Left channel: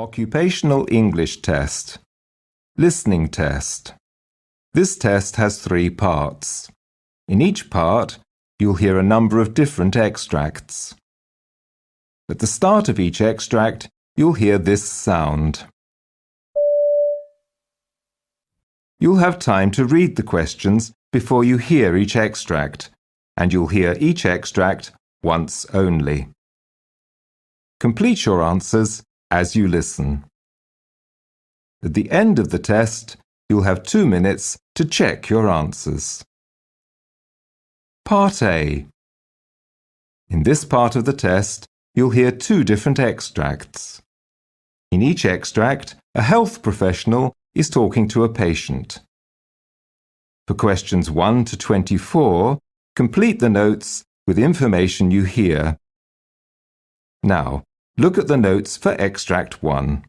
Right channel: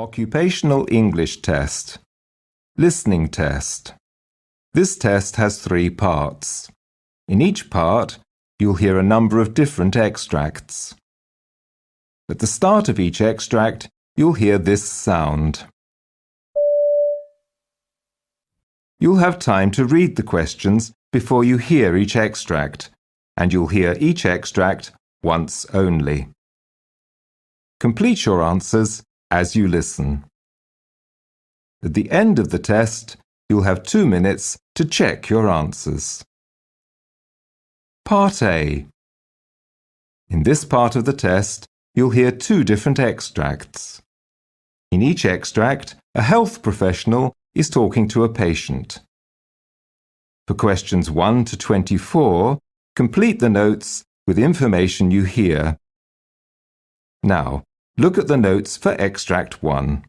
Occupational English Test. Listening Test. This test has 3 parts. In each part, you'll hear a number of different extracts. At the start of each extract, you'll hear this sound. You'll have time to read the questions before you hear each extract, and you'll hear each extract once only. Complete your answers as you listen. At the end of the test, you'll have 2 minutes to check your answers. Part A. In this part of the test, you'll hear 2 different extracts. In each extract, a health professional is talking to a patient. For questions 1 to 24, complete the notes with information you hear. Now, look at the notes for Extract 1.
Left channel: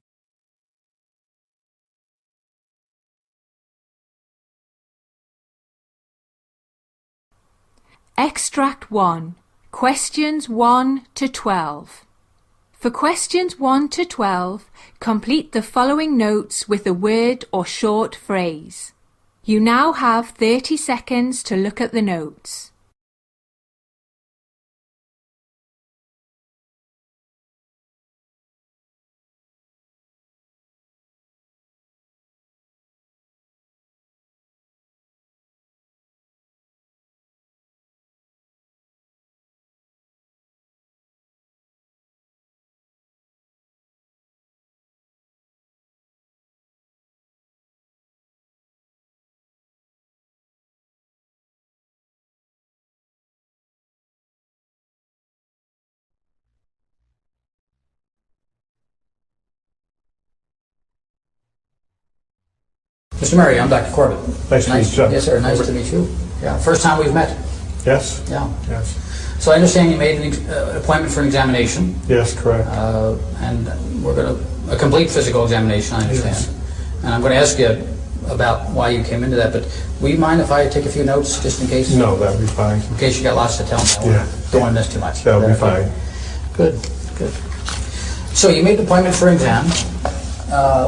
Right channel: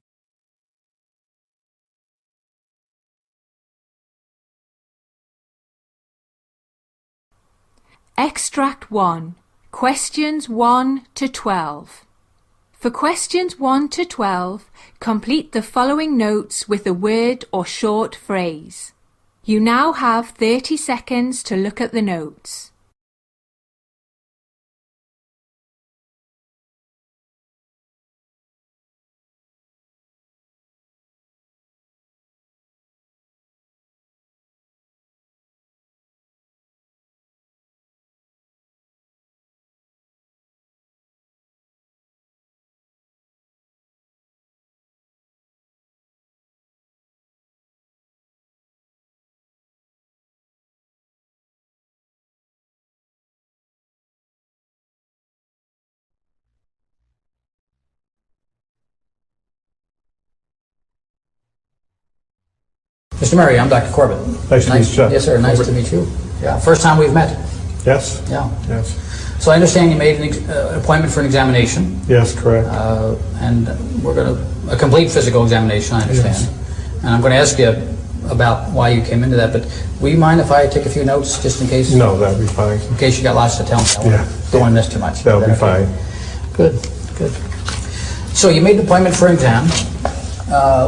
Extract 1. Questions 1 to 12. For questions 1 to 12, complete the following notes with a word or short phrase. You now have 30 seconds to look at the notes. Mr. Murray, I'm Dr. Corbett. Nice to meet you. Yes, sir. Nice to meet you. Yeah, first time we've met. Yes. Yeah. Yes. So I understand you made an appointment for an examination. Yes, correct. And we're going to a complete physical examination. I understand. Yes. And I'm going to ask you about why you came into that. But will you mind if I take a few notes just in case? No, that'd be fine. In case you got lots to tell me. Don't want to miss too much. That'll be fine. Good. Good. So you made an appointment for an exam.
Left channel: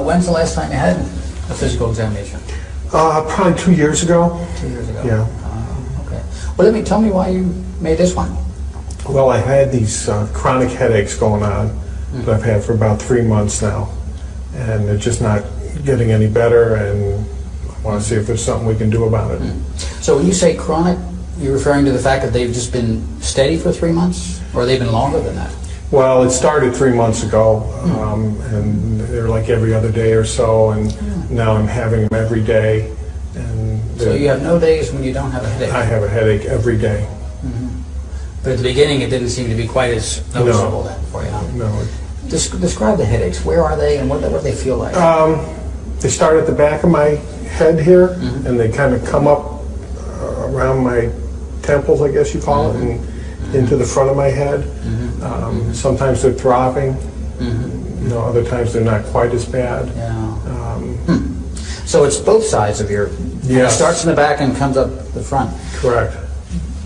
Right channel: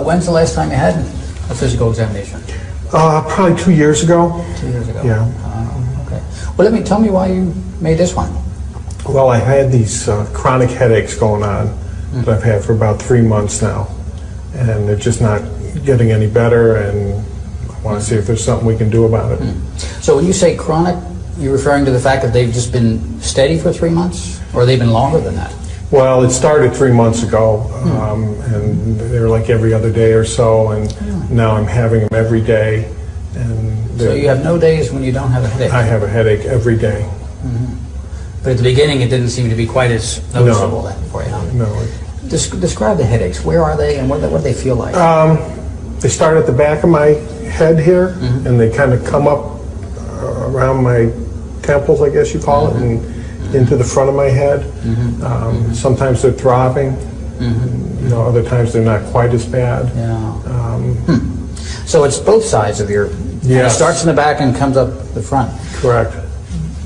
When's the last time you had a physical examination? Probably 2 years ago. 2 years ago. Yeah. Okay. Well, tell me why you made this one. Well, I had these chronic headaches going on that I've had for about 3 months now, and they're just not getting any better, and I want to see if there's something we can do about it. So when you say chronic, you're referring to the fact that they've just been steady for 3 months, or they've been longer than that? Well, it started 3 months ago, and they were like every other day or so, and now I'm having them every day. And so you have no days when you don't have a headache? I have a headache every day. But at the beginning, it didn't seem to be quite as noticeable then for you. No. Describe the headaches. Where are they, and what do they feel like? They start at the back of my head here, and they kind of come up around my temples, I guess you call it, and into the front of my head. Sometimes they're throbbing. Other times they're not quite as bad. So it's both sides of your... Yeah. It starts in the back and comes up the front. Correct.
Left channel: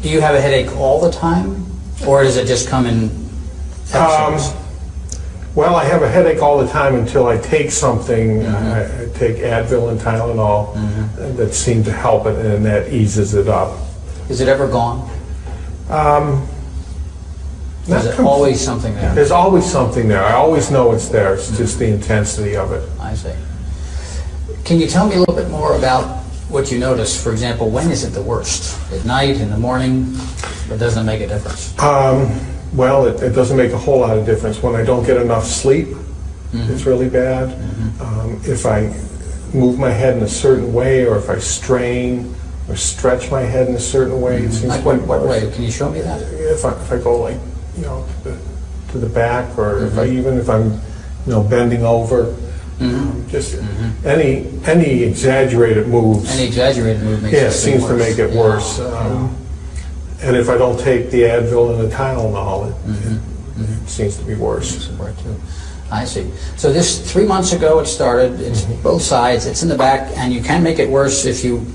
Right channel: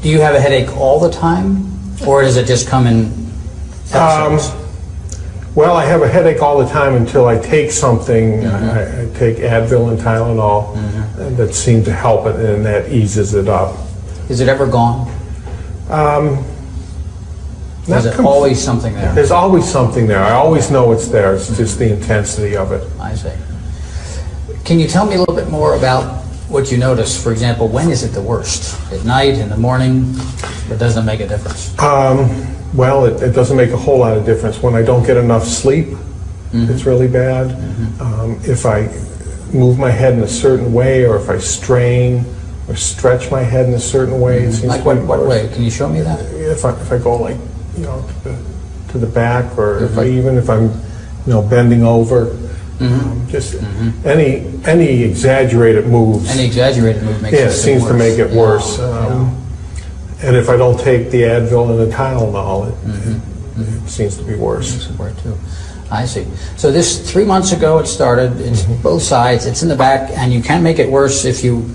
Do you have a headache all the time, or does it just come in episodes? Well, I have a headache all the time until I take something. I take Advil and Tylenol that seem to help it, and that eases it up. Is it ever gone? Is it always something there? There's always something there. I always know it's there. It's just the intensity of it. I see. Can you tell me a little bit more about what you notice? For example, when is it the worst? At night, in the morning? It doesn't make a difference. Well, it doesn't make a whole lot of difference. When I don't get enough sleep, it's really bad. If I move my head in a certain way, or if I strain or stretch my head in a certain way, it seems like what way? Can you show me that? If I go like, to the back, or if I'm bending over, just any exaggerated moves. Any exaggerated move makes it seems worse. to make it worse. And if I don't take the Advil and the Tylenol, it seems to be worse. Too. I see. So this 3 months ago it started. It's both sides. It's in the back, and you can make it worse if you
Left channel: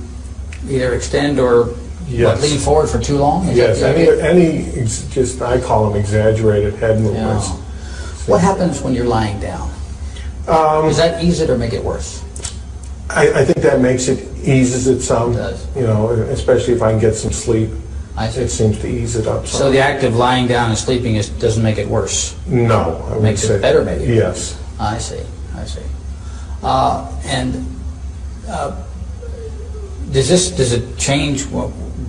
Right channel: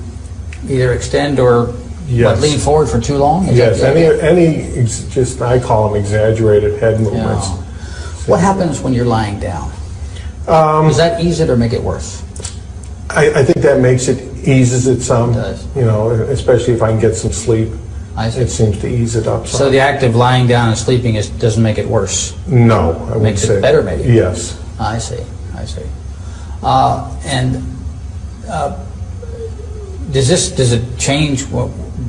either extend or lean forward for too long. Yes. I call them exaggerated head movements. What happens when you're lying down? Does that ease it or make it worse? I think that eases it some. It does. You know, especially if I can get some sleep. I see. It seems to ease it up some. So the act of lying down and sleeping doesn't make it worse? No, I wouldn't Makes say. it better, maybe? Yes. I see. Does it change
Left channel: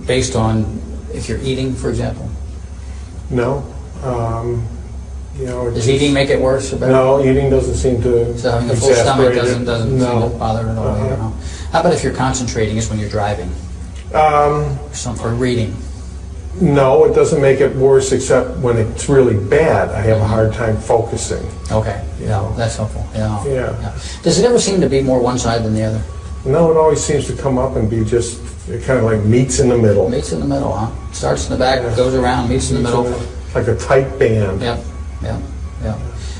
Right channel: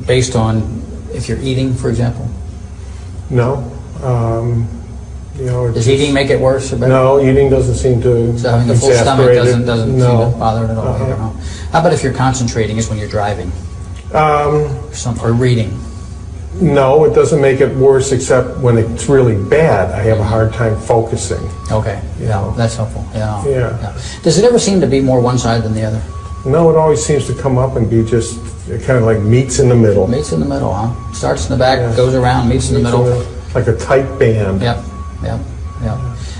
based on if you're eating, for example? No. You know, Does eating make it worse or better? No, eating doesn't seem to. So having a full stomach exasperate it. doesn't seem No. to bother it at all? Uh-huh. I don't know. How about if you're concentrating, is when you're driving or reading? No, it doesn't make it worse, except when it's really bad, I have a hard time focusing. Okay, You yeah, know. that's helpful. Yeah. Does it ever seem to be more one side than the other? No, it always seems to come up and be just kind of like meets in the middle. Meets in the middle, huh? Starts in the back, Yeah. goes around, meets in the middle. Like a tight band. Yep.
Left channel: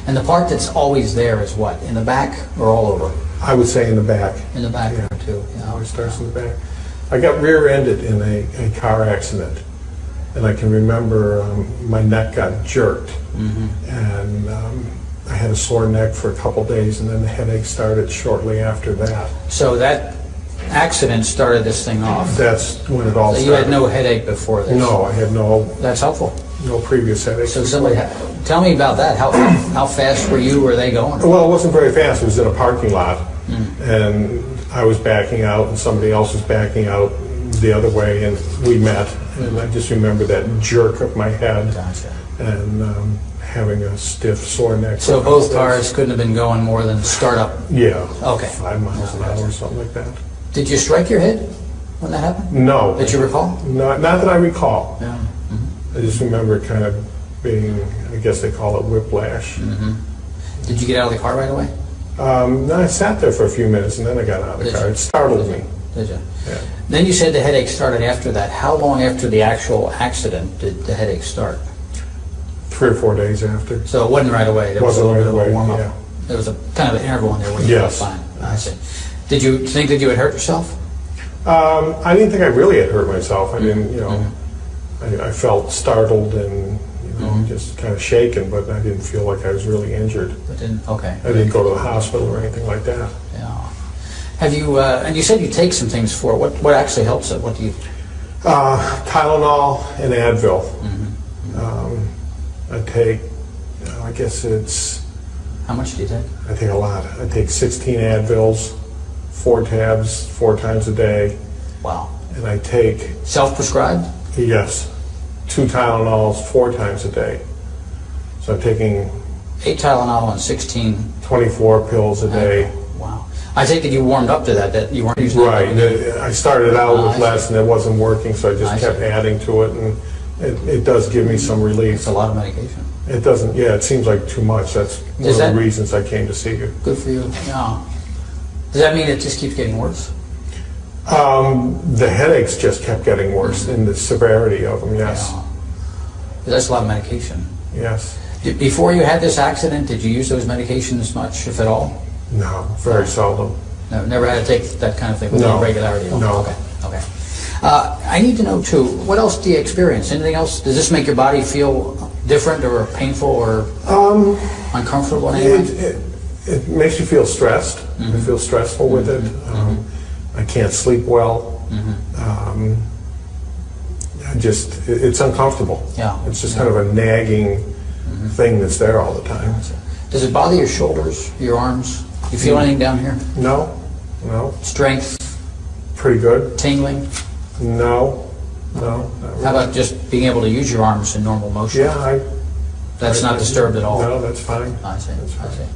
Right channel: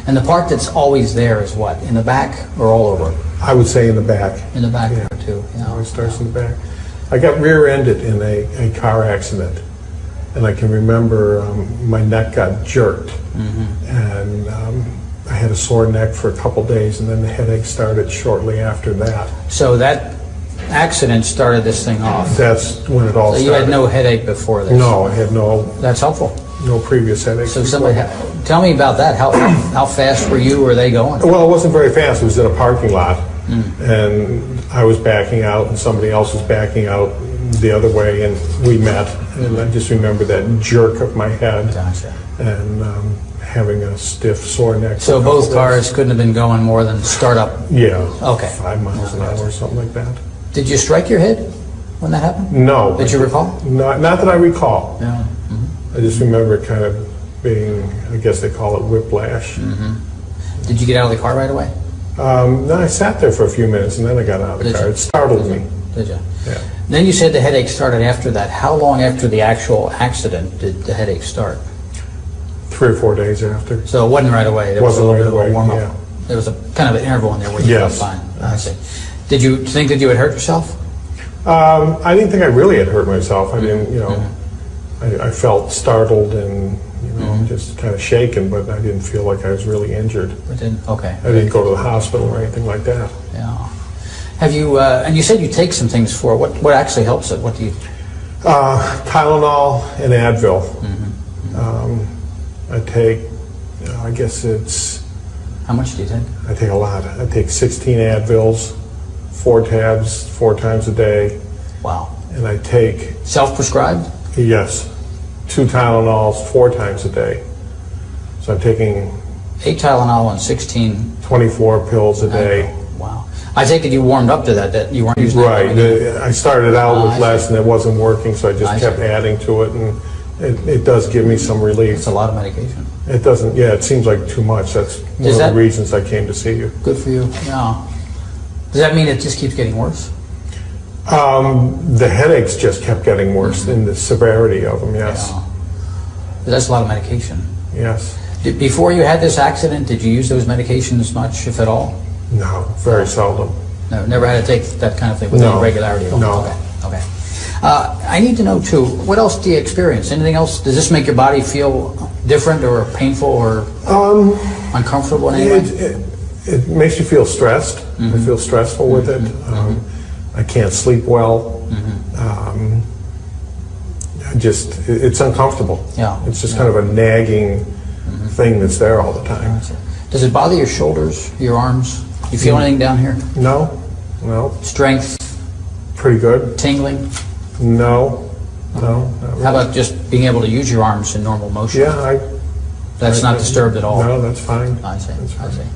And the part that's always there is what? In the back or all over? I would say in the back. In the back Yeah. too. It always starts in the back. I got rear-ended in a car accident, and I can remember my neck got jerked, and I had a sore neck for a couple days, and then the headache started shortly after that. So that accident started this thing off. That's when it all So started. you had no headache before this? No, I had no That's helpful. previous headache. So tell me about that. How fast were you? Were they going? Well, it wasn't very fast. It was in a parking lot, and I was backing out, and somebody else was backing out the other way, and we met. And I just remember that jerk of my head, Gotcha. and having a stiff, sore neck. So both cars couldn't have been going more than startup. Yeah. Okay. 5 miles an hour or something like that. Did you strike your head when that happened? No. Did you recall? Not that I recall. Yeah. I just remember it kind of being, I guess they call it whiplash. Did you get out of the car right away? No, I sat there for a few minutes, and then I got out of the Did car. you? It startled me. Did you? Yeah. Then you said the headache started after that. How long after the actual accident did the headache start? 3 or 4 days after. So it wasn't right away. There was a Wasn't little right bit of a away, warm-up. yeah. There was a kind of an interval in there where you Yes. felt fine. I see. Did you think that you had hurt yourself? I didn't think I really had hurt myself. I didn't, I felt startled and, just kind of shaken, but I didn't feel like I was really injured. It didn't. Okay. I didn't go to the hospital or anything like that. Yeah. Have you? And you said you take some things for it. What actually helps it? What do you? Tylenol and Advil. I take, I guess it's, How much do you take? I take a lot. I take 16 Advils, 4 tabs, 4 times a day, Wow. and I take, Self-prescribed? yes, 2 Tylenols 4 times a day. So I'm taking 8 Tylenol and 16. 24 pills a day. Wow. I take it you warmed up to that you weren't using Right. that. I started out I with see. less and it wasn't working, so I just I kept see. adding to it, and it does give me some relief. It's a lot of medication. It doesn't, yeah, it seems like too much. That's one Does of that- the reasons I came to see you. Good for you. Yeah. Does that mean it just keeps getting worse? The headaches just kept getting worse in the severity of them, yes. Yeah. That's a lot of medication. Yes. Before you had this accident, did you use those medications much, if at all? No, very seldom. No, never had to take that kind of thing with No. any regularity? at all? No. Okay. I need to know, too, what else do you experience? Anything else? Does this make your body feel different or painful or uncomfortable in any way? It makes you feel stressed. I feel stressful with it. I can't sleep well. It's uncomfortable. Yeah. It's just kind of a nagging thing that's there all the time. Does it bother your shoulders, your arms? You feel anything down here? No, Strength, pretty good. tingling? No, not really. How about just being able to use your arms in normal motion? Yeah, That's not disturbed at all? No, that's fine. I see. That's I fine. see.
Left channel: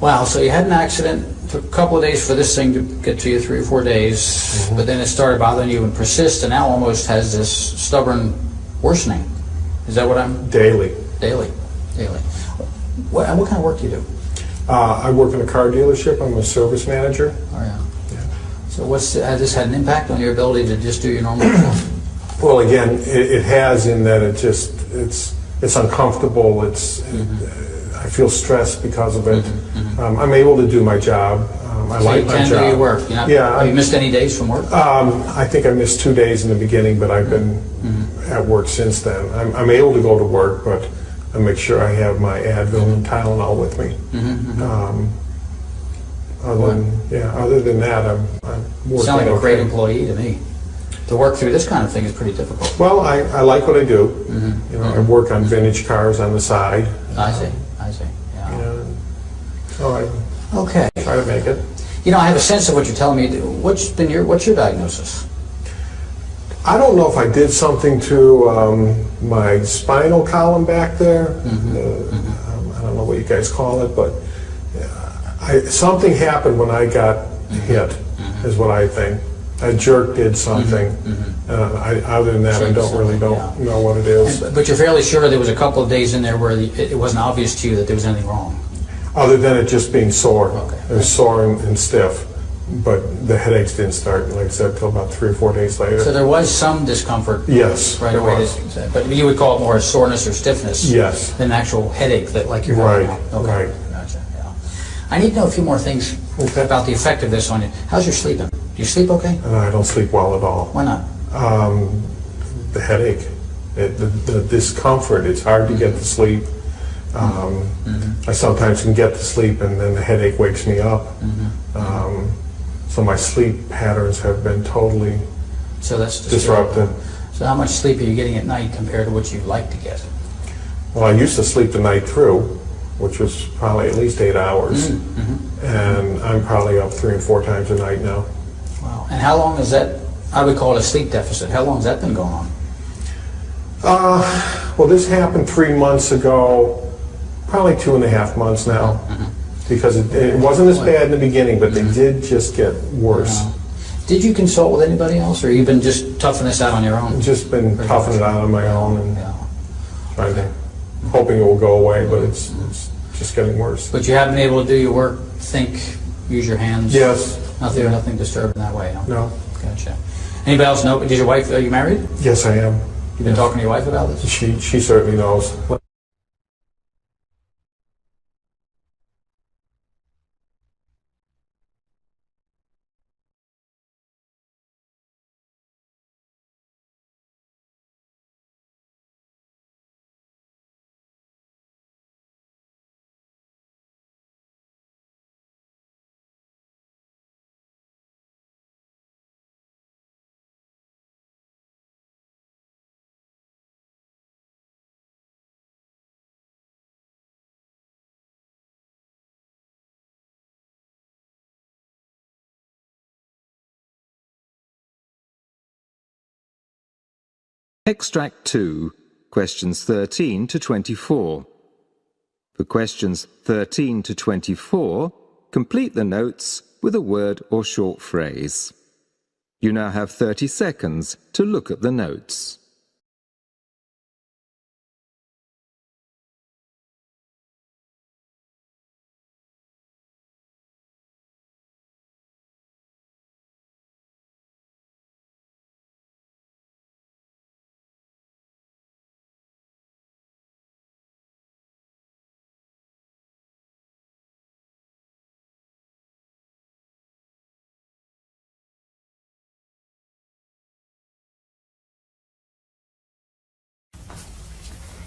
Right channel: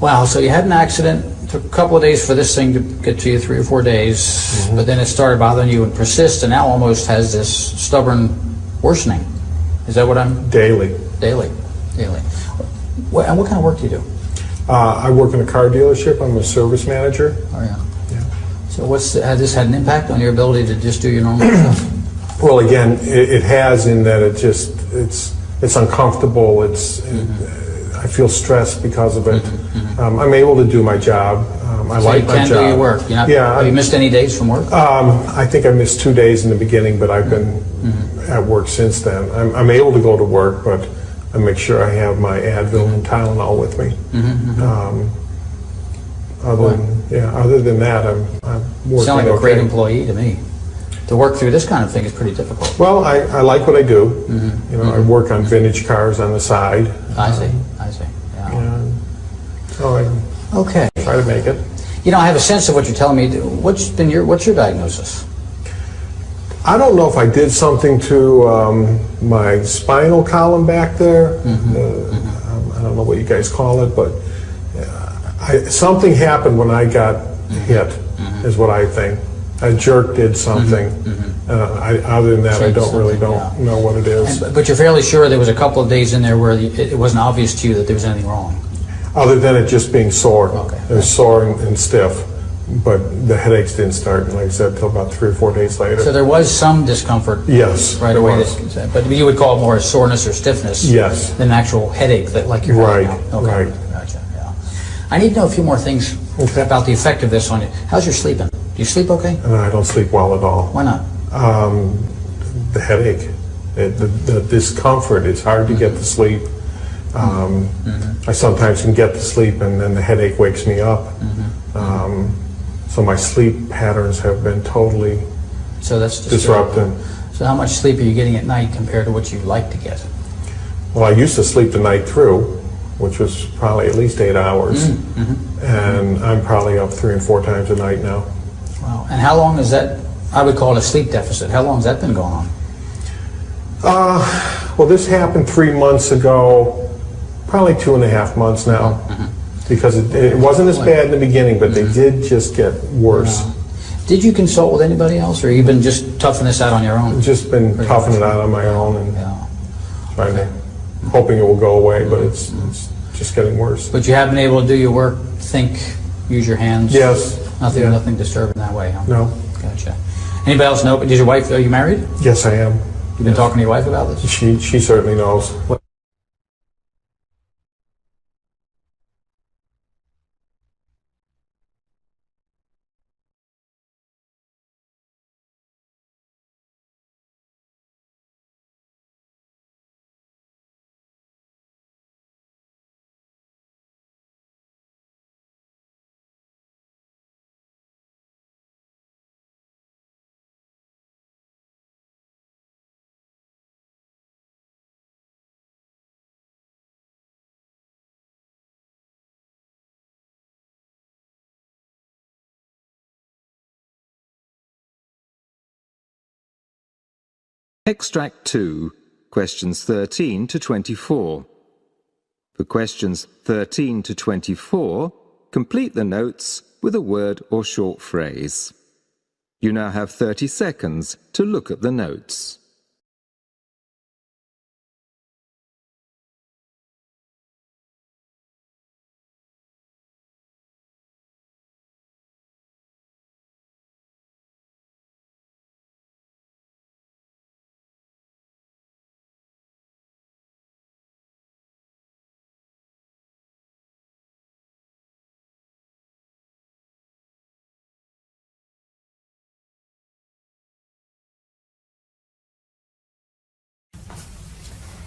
Wow, so you had an accident. Took a couple of days for this thing to get to you, 3 or 4 days, but then it started bothering you and persist, and now almost has this stubborn worsening. Is that what I'm? Daily. Daily. What kind of work do you do? I work in a car dealership. I'm a service manager. Oh yeah. Yeah. So has this had an impact on your ability to just do your normal stuff? Well, again, it has in that it's uncomfortable. I feel stressed because of it. I'm able to do my job. I So like you my can job. do your work. Have you missed any days from work? I think I missed 2 days in the beginning, but I've been at work since then. I'm able to go to work, but I make sure I have my Advil and Tylenol with me. Other than that, I'm working. You sound like a great okay. employee to me. To work through this kind of thing is pretty difficult. Well, I like what I do. You know, I work on vintage cars on the side. I see. Yeah. So I Okay. try to make it. You know, I have a sense of what you're telling me. What's your diagnosis? I don't know if I did something to my spinal column back there. I don't know what you guys call it, but something happened when I got hit, is what I think. A jerk did something. Other than that, I don't know what it is. But you're fairly sure there was a couple of days in there where it wasn't obvious to you that there was anything wrong? Other than it just being sore. Okay. It was sore and stiff. But the headaches didn't start, like I said, till about 3 or 4 days later. So there was some discomfort Yes, right there away. was. But you would call it more soreness or stiffness Yes. than an actual headache that like you're Right, having now. Okay. right. Gotcha, yeah. I need to know a few more things about the effect of this on you. How's your sleeping? Do you sleep okay? And I don't sleep well at all. Why not? The headache, the discomfort, it's hard to get to sleep. I sometimes can get to sleep and then the headache wakes me up. So my sleep patterns have been totally So that's disrupted. So how much sleep are you getting at night compared to what you like to get? Well, I used to sleep the night through, which was probably at least 8 hours. And I'm probably up 3 and 4 times a night now. Wow. And how long is that? I would call it a sleep deficit. How long has that been going on? Well, this happened 3 months ago, probably 2.5 months now. Because it wasn't as bad in the beginning, but they did just get worse. Did you consult with anybody else, or you been just toughing this out on your own? Just been toughing it out on my own and trying to, hoping it will go away, but it's just getting worse. But you have been able to do your work, think, use your hands? Yes. Nothing disturbing that way, huh? No. Gotcha. Anybody else know? Does your wife, are you married? Yes, I am. You've been talking to your wife about this? She certainly knows. Extract 2, questions 13 to 24. For questions 13 to 24, complete the notes with a word or short phrase. You now have 30 seconds to look at the notes.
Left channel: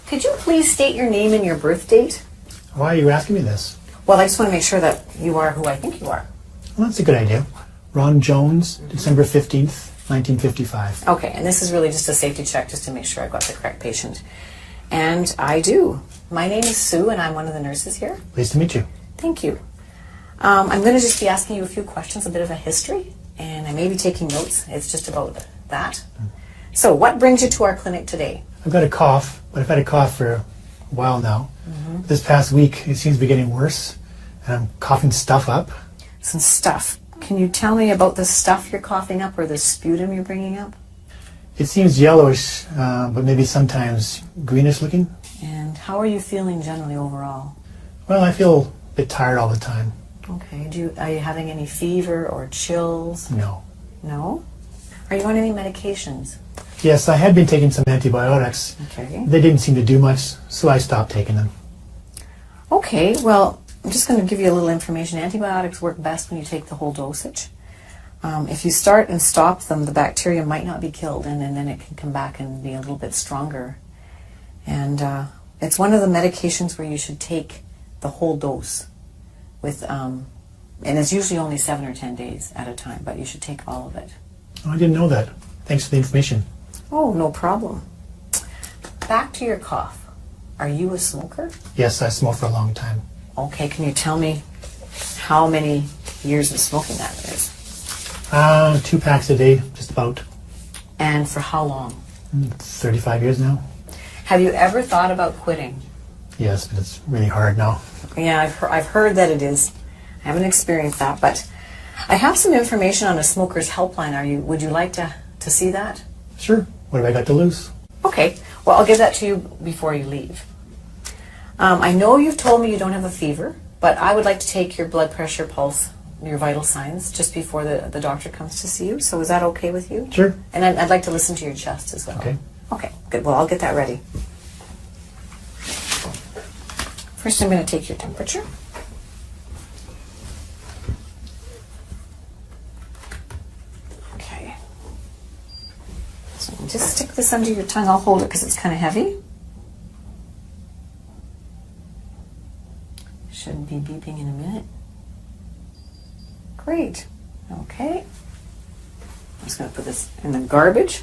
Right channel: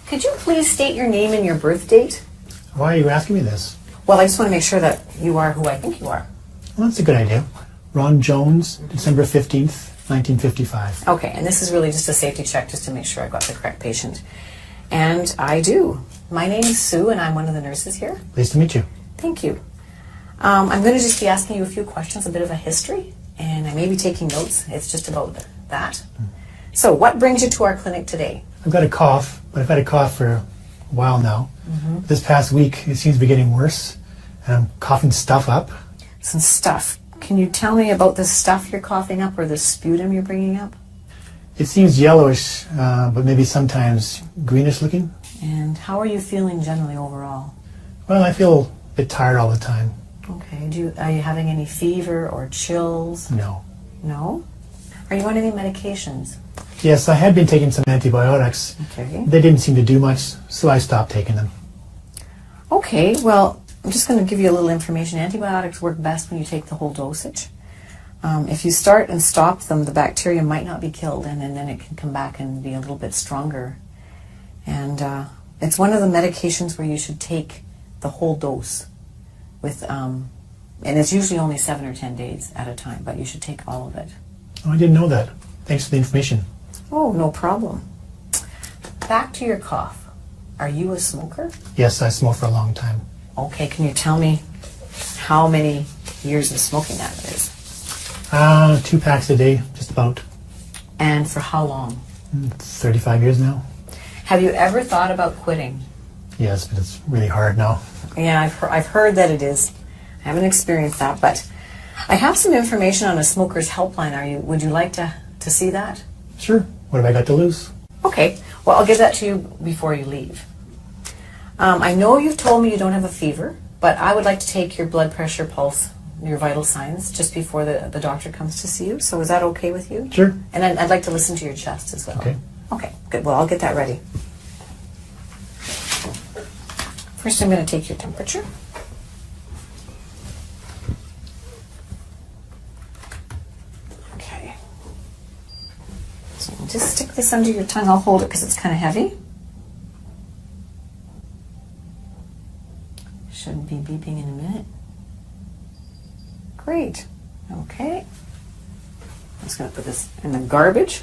Could you please state your name and your birth date? Why are you asking me this? Well, I just want to make sure that you are who I think you are. Well, that's a good idea. Ron Jones, December 15th, 1955. Okay, and this is really just a safety check just to make sure I've got the correct patient. And I do. My name is Sue, and I'm one of the nurses here. Pleased to meet you. Thank you. I'm going to just be asking you a few questions, a bit of a history, and I may be taking notes. It's just about that. So, what brings you to our clinic today? I've got a cough, but I've had a cough for a while now. This past week, it seems to be getting worse, and I'm coughing stuff up. Some stuff. Can you tell me about the stuff you're coughing up or the sputum you're bringing up? It seems yellowish, but maybe sometimes greenish looking. And how are you feeling generally overall? Well, I feel a bit tired all the time. Okay. Are you having any fever or chills? No. No? Are you on any medications? Yes, I had been taking some antibiotics. Okay. They didn't seem to do much, so I stopped taking them. Okay, well, I'm just going to give you a little information. Antibiotics work best when you take the whole dosage. If you start and stop them, the bacteria might not be killed, and then it can come back and be a little bit stronger. And It's one of the medications where you should take the whole dose with, and it's usually only 7 or 10 days at a time, but you should take all of it. Oh, I didn't know that. Thanks for the information. Oh, no problem. Back to your cough. Are you a smoker? Yes, I smoked for a long time. Okay, can you tell me how many years of smoking that is? 2 packs a day, just about. And for how long? 35 years now. Have you ever thought about quitting? Yes, but it's really hard now. Yeah, I've heard that it is. I haven't experienced that, but I have some information on a smoker's helpline. Would you like to see that? Sure. What have I got to lose? Okay, well, I'll give that to you before you leave. I know you've told me you don't have a fever, but I would like to take your blood pressure, pulse, your vital signs just before the doctor comes to see you. So is that okay with you? Sure. And I'd like to listen to your chest as well. Okay. Okay, good. Well, I'll get that ready. First, I'm going to take your temperature. Okay. So just stick this under your tongue. I'll hold it because it's kind of heavy. Shouldn't be beeping in a minute. Great. Okay. I'm just going to put this in the garbage.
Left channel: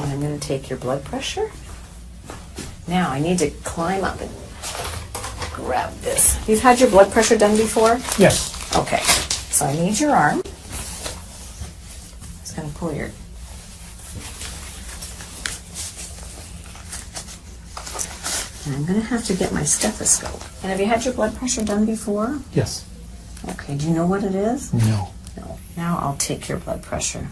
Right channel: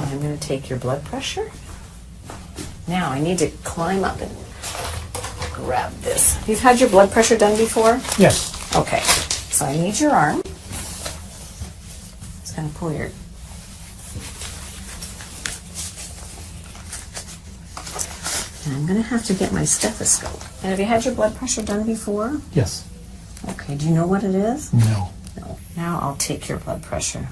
And I'm going to take your blood pressure. Now I need to climb up and grab this. You've had your blood pressure done before? Yes. Okay. So I need your arm. Just going to pull your... And I'm going to have to get my stethoscope. And have you had your blood pressure done before? Yes. Okay. Do you know what it is? No. No. Now I'll take your blood pressure.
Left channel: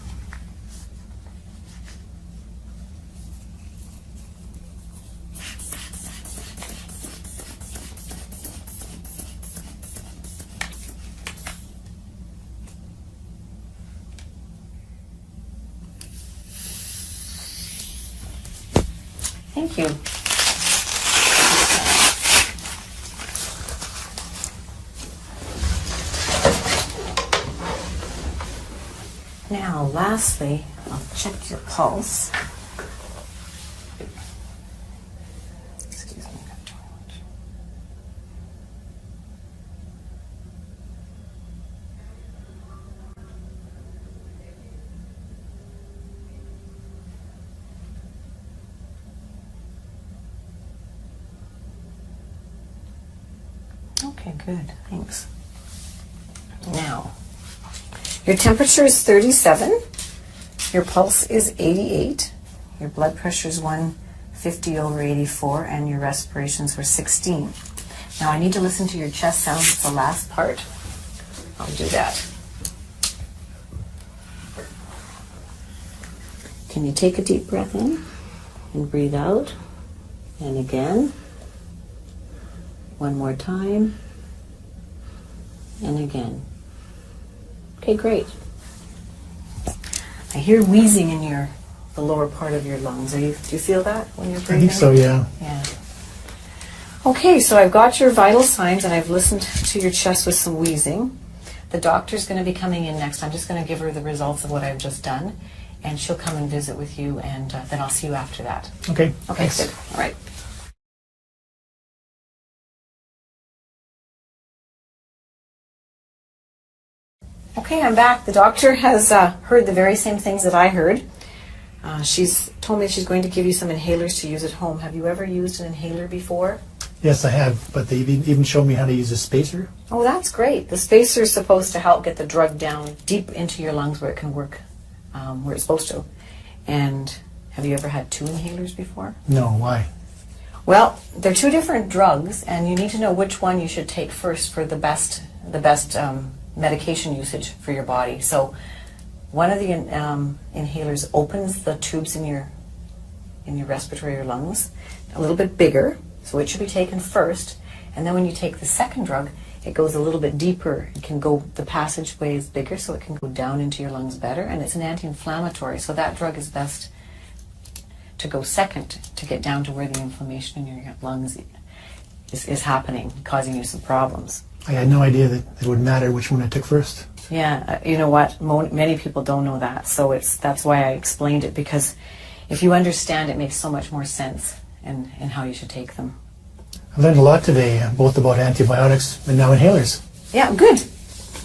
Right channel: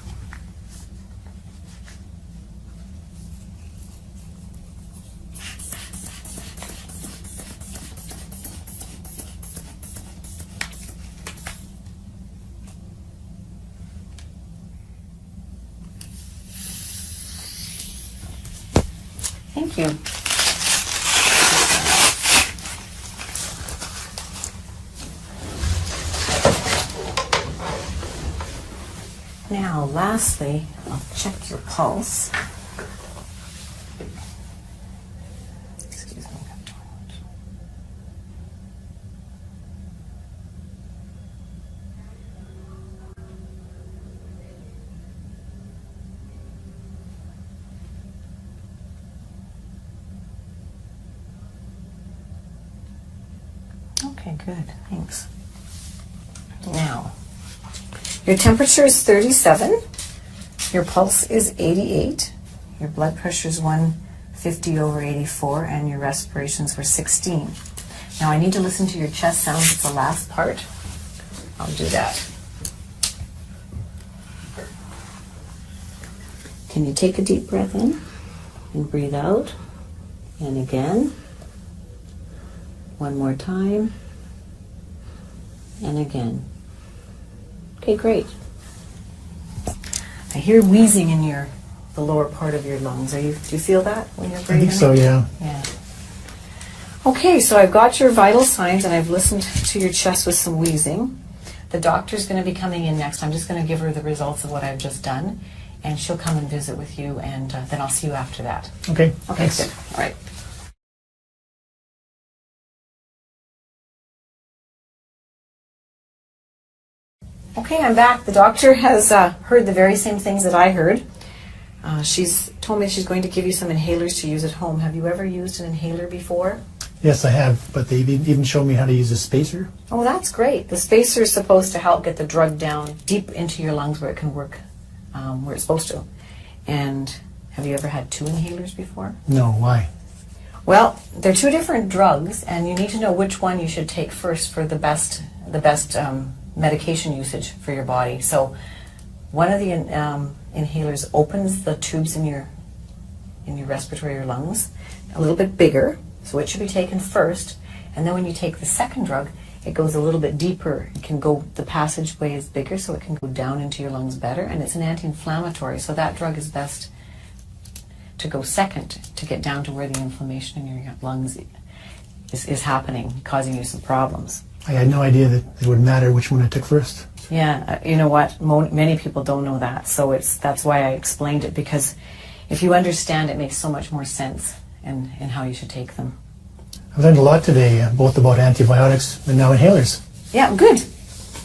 Thank you. Now, lastly, I'll check your pulse. Excuse me. Okay, good. Thanks. Now, your temperature is 37, your pulse is 88, your blood pressure is 150/84, and your respirations were 16. Now I need to listen to your chest sounds at the last part. I'll do that. Can you take a deep breath in and breathe out? And again. One more time. And again. Okay, great. I hear wheezing in the lower part of your lungs. Do you feel that when you're breathing? I think so, yeah. Yeah. Okay, so I've got your vital signs and I've listened to your chest with some wheezing. The doctor's going to be coming in next. I'm just going to give her the results of what I've just done, and she'll come and visit with you, and then I'll see you after that. Okay. Okay, Thanks. good. All right. Okay, I'm back. The doctor has heard the very same things that I heard. She's told me she's going to give you some inhalers to use at home. Have you ever used an inhaler before? Yes, I have, but they even showed me how to use a spacer. Oh, that's great. The spacer is supposed to help get the drug down deep into your lungs where it can work where it's supposed to. And have you ever had 2 inhalers before? No, why? Well, they're 2 different drugs, and you need to know which one you should take first for the best medication usage for your body. So one of the inhalers opens the tubes in your respiratory lungs a little bit bigger, so it should be taken first. And then when you take the second drug, it goes a little bit deeper. It can go, the passageway is bigger, so it can go down into your lungs better, and it's an anti-inflammatory, so that drug is best to go second to get down to where the inflammation in your lungs is happening, causing you some problems. I had no idea that it would matter which one I took first. Yeah, you know what? Many people don't know that, so that's why I explained it, because if you understand, it makes so much more sense in how you should take them. I've learned a lot today, both about antibiotics and now inhalers. Yeah, good.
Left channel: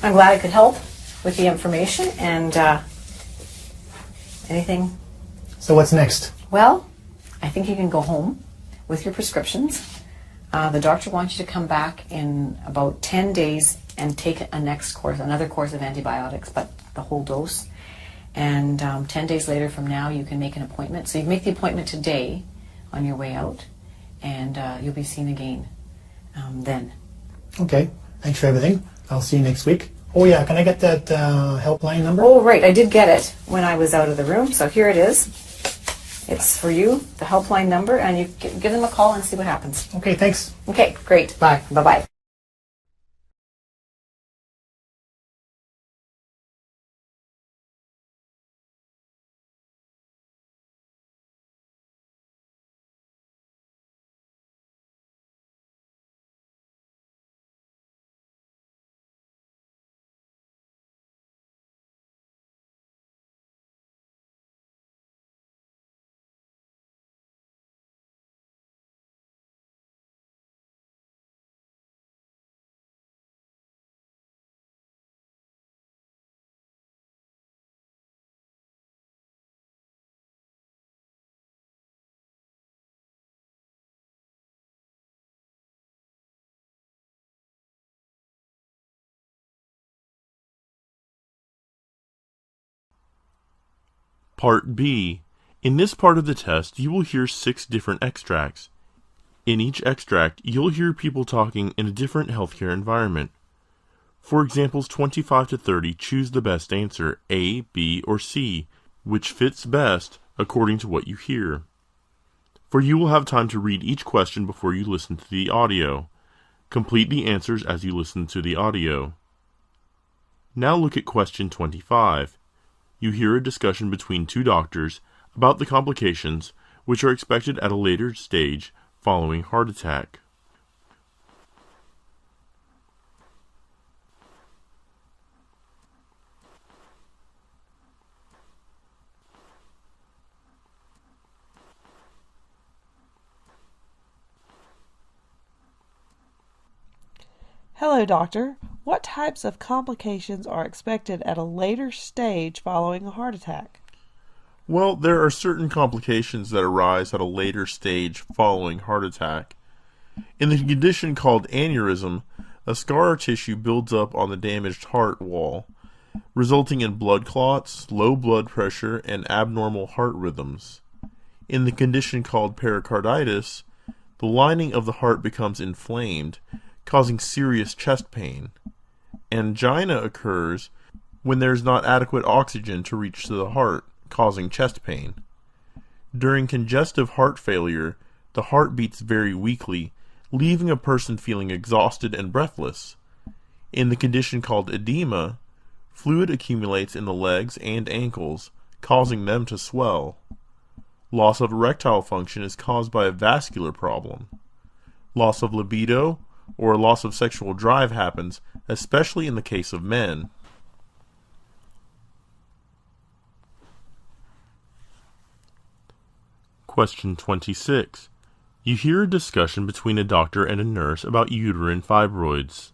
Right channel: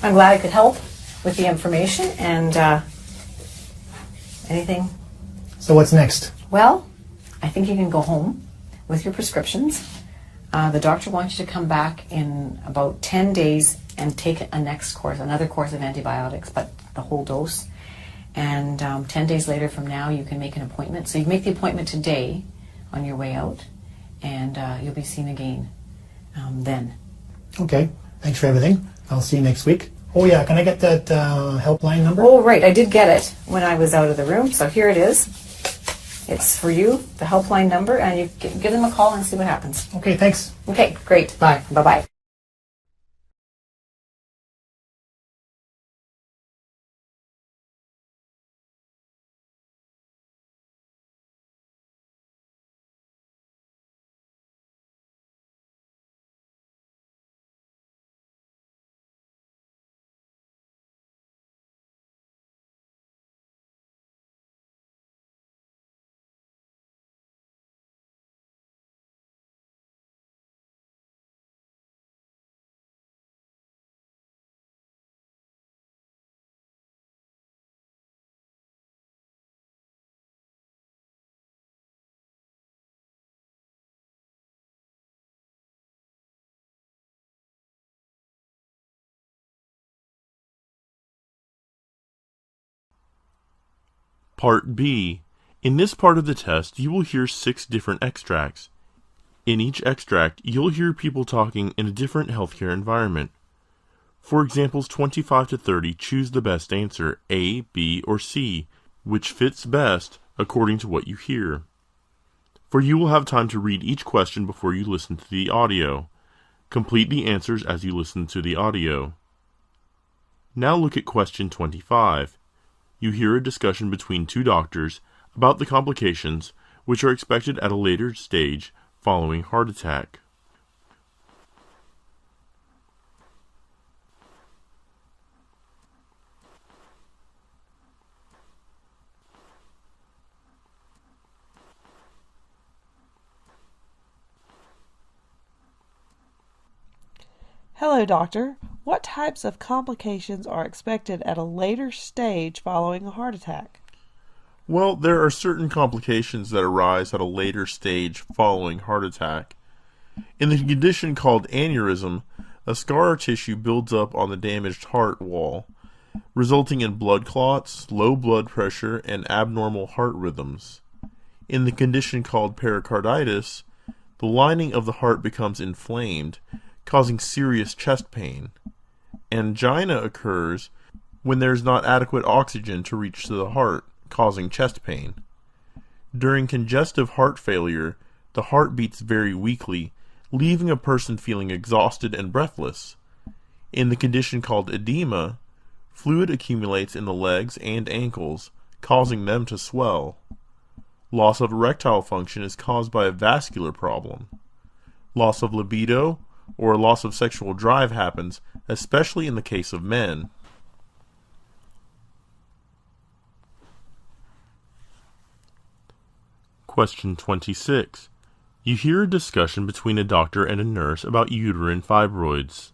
I'm glad I could help with the information and anything. So what's next? Well, I think you can go home with your prescriptions. The doctor wants you to come back in about 10 days and take another course of antibiotics, but the whole dose. And 10 days later from now, you can make an appointment. So you make the appointment today on your way out, and you'll be seen again then. Okay, thanks for everything. I'll see you next week. Oh yeah, can I get that helpline number? Oh, right, I did get it when I was out of the room, so here it is. It's for you, the helpline number, and you give them a call and see what happens. Okay, thanks. Okay, great. Bye. Bye-bye. Part B. In this part of the test, you will hear 6 different extracts. In each extract, you'll hear people talking in a different healthcare environment. For examples 25 to 30, choose the best answer, A, B, or C, which fits best according to what you hear. For you will have time to read each question before you listen to the audio. Complete the answers as you listen to the audio. Now look at question 25. You hear a discussion between 2 doctors about the complications which are expected at a later stage following heart attack. Hello, doctor. What types of complications are expected at a later stage following a heart attack? Well, there are certain complications that arise at a later stage following heart attack. In the condition called aneurysm, a scar tissue builds up on the damaged heart wall, resulting in blood clots, low blood pressure, and abnormal heart rhythms. In the condition called pericarditis, the lining of the heart becomes inflamed, causing serious chest pain. Angina occurs when there is not adequate oxygen to reach to the heart, causing chest pain. During congestive heart failure, the heart beats very weakly, leaving a person feeling exhausted and breathless. In the condition called edema, fluid accumulates in the legs and ankles, causing them to swell. Loss of erectile function is caused by a vascular problem. Loss of libido or loss of sexual drive happens, especially in the case of men. Question 26. You hear a discussion between a doctor and a nurse about uterine fibroids.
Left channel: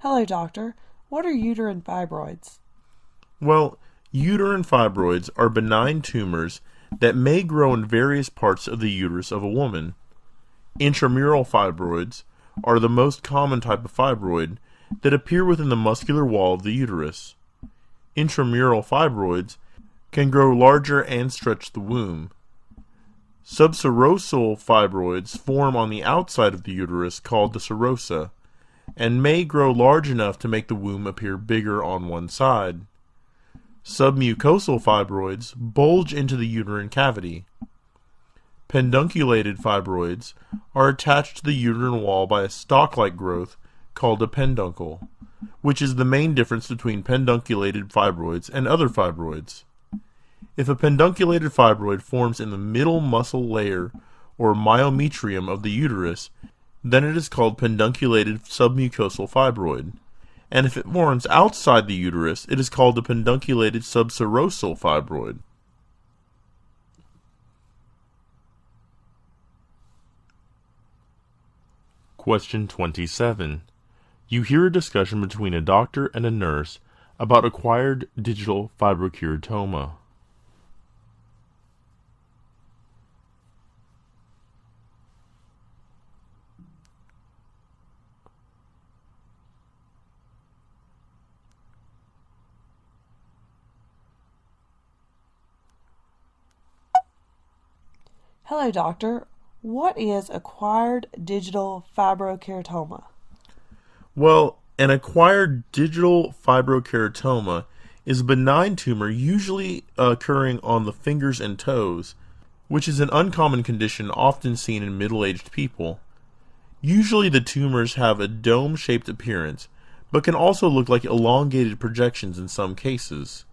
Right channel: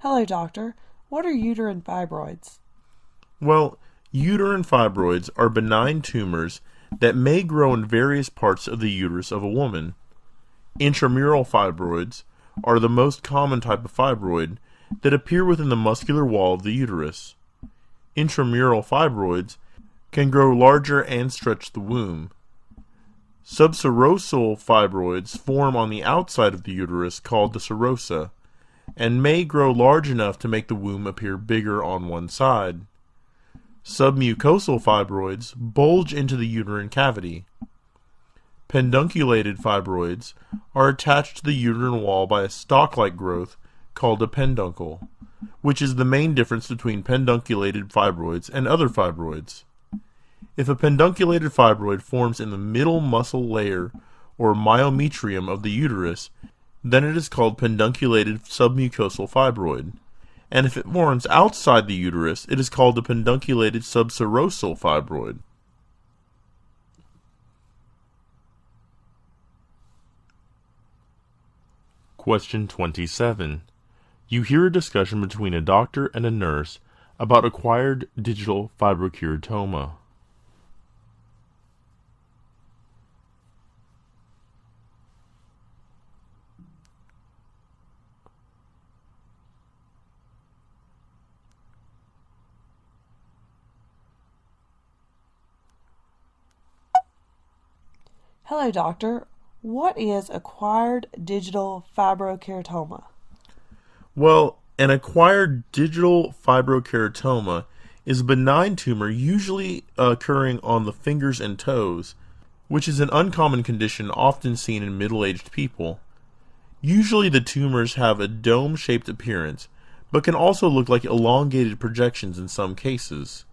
Hello, doctor. What are uterine fibroids? Well, uterine fibroids are benign tumors that may grow in various parts of the uterus of a woman. Intramural fibroids are the most common type of fibroid that appear within the muscular wall of the uterus. Intramural fibroids can grow larger and stretch the womb. Subserosal fibroids form on the outside of the uterus called the serosa, and may grow large enough to make the womb appear bigger on one side. Submucosal fibroids bulge into the uterine cavity. Pedunculated fibroids are attached to the uterine wall by a stalk-like growth called a peduncle, which is the main difference between pedunculated fibroids and other fibroids. If a pedunculated fibroid forms in the middle muscle layer or myometrium of the uterus, then it is called pedunculated submucosal fibroid. And if it forms outside the uterus, it is called a pedunculated subserosal fibroid. Question 27. You hear a discussion between a doctor and a nurse about acquired digital fibrokeratoma. Hello, doctor. What is acquired digital fibrokeratoma? Well, an acquired digital fibrokeratoma is a benign tumor usually occurring on the fingers and toes, which is an uncommon condition often seen in middle-aged people. Usually the tumors have a dome-shaped appearance, but can also look like elongated projections in some cases.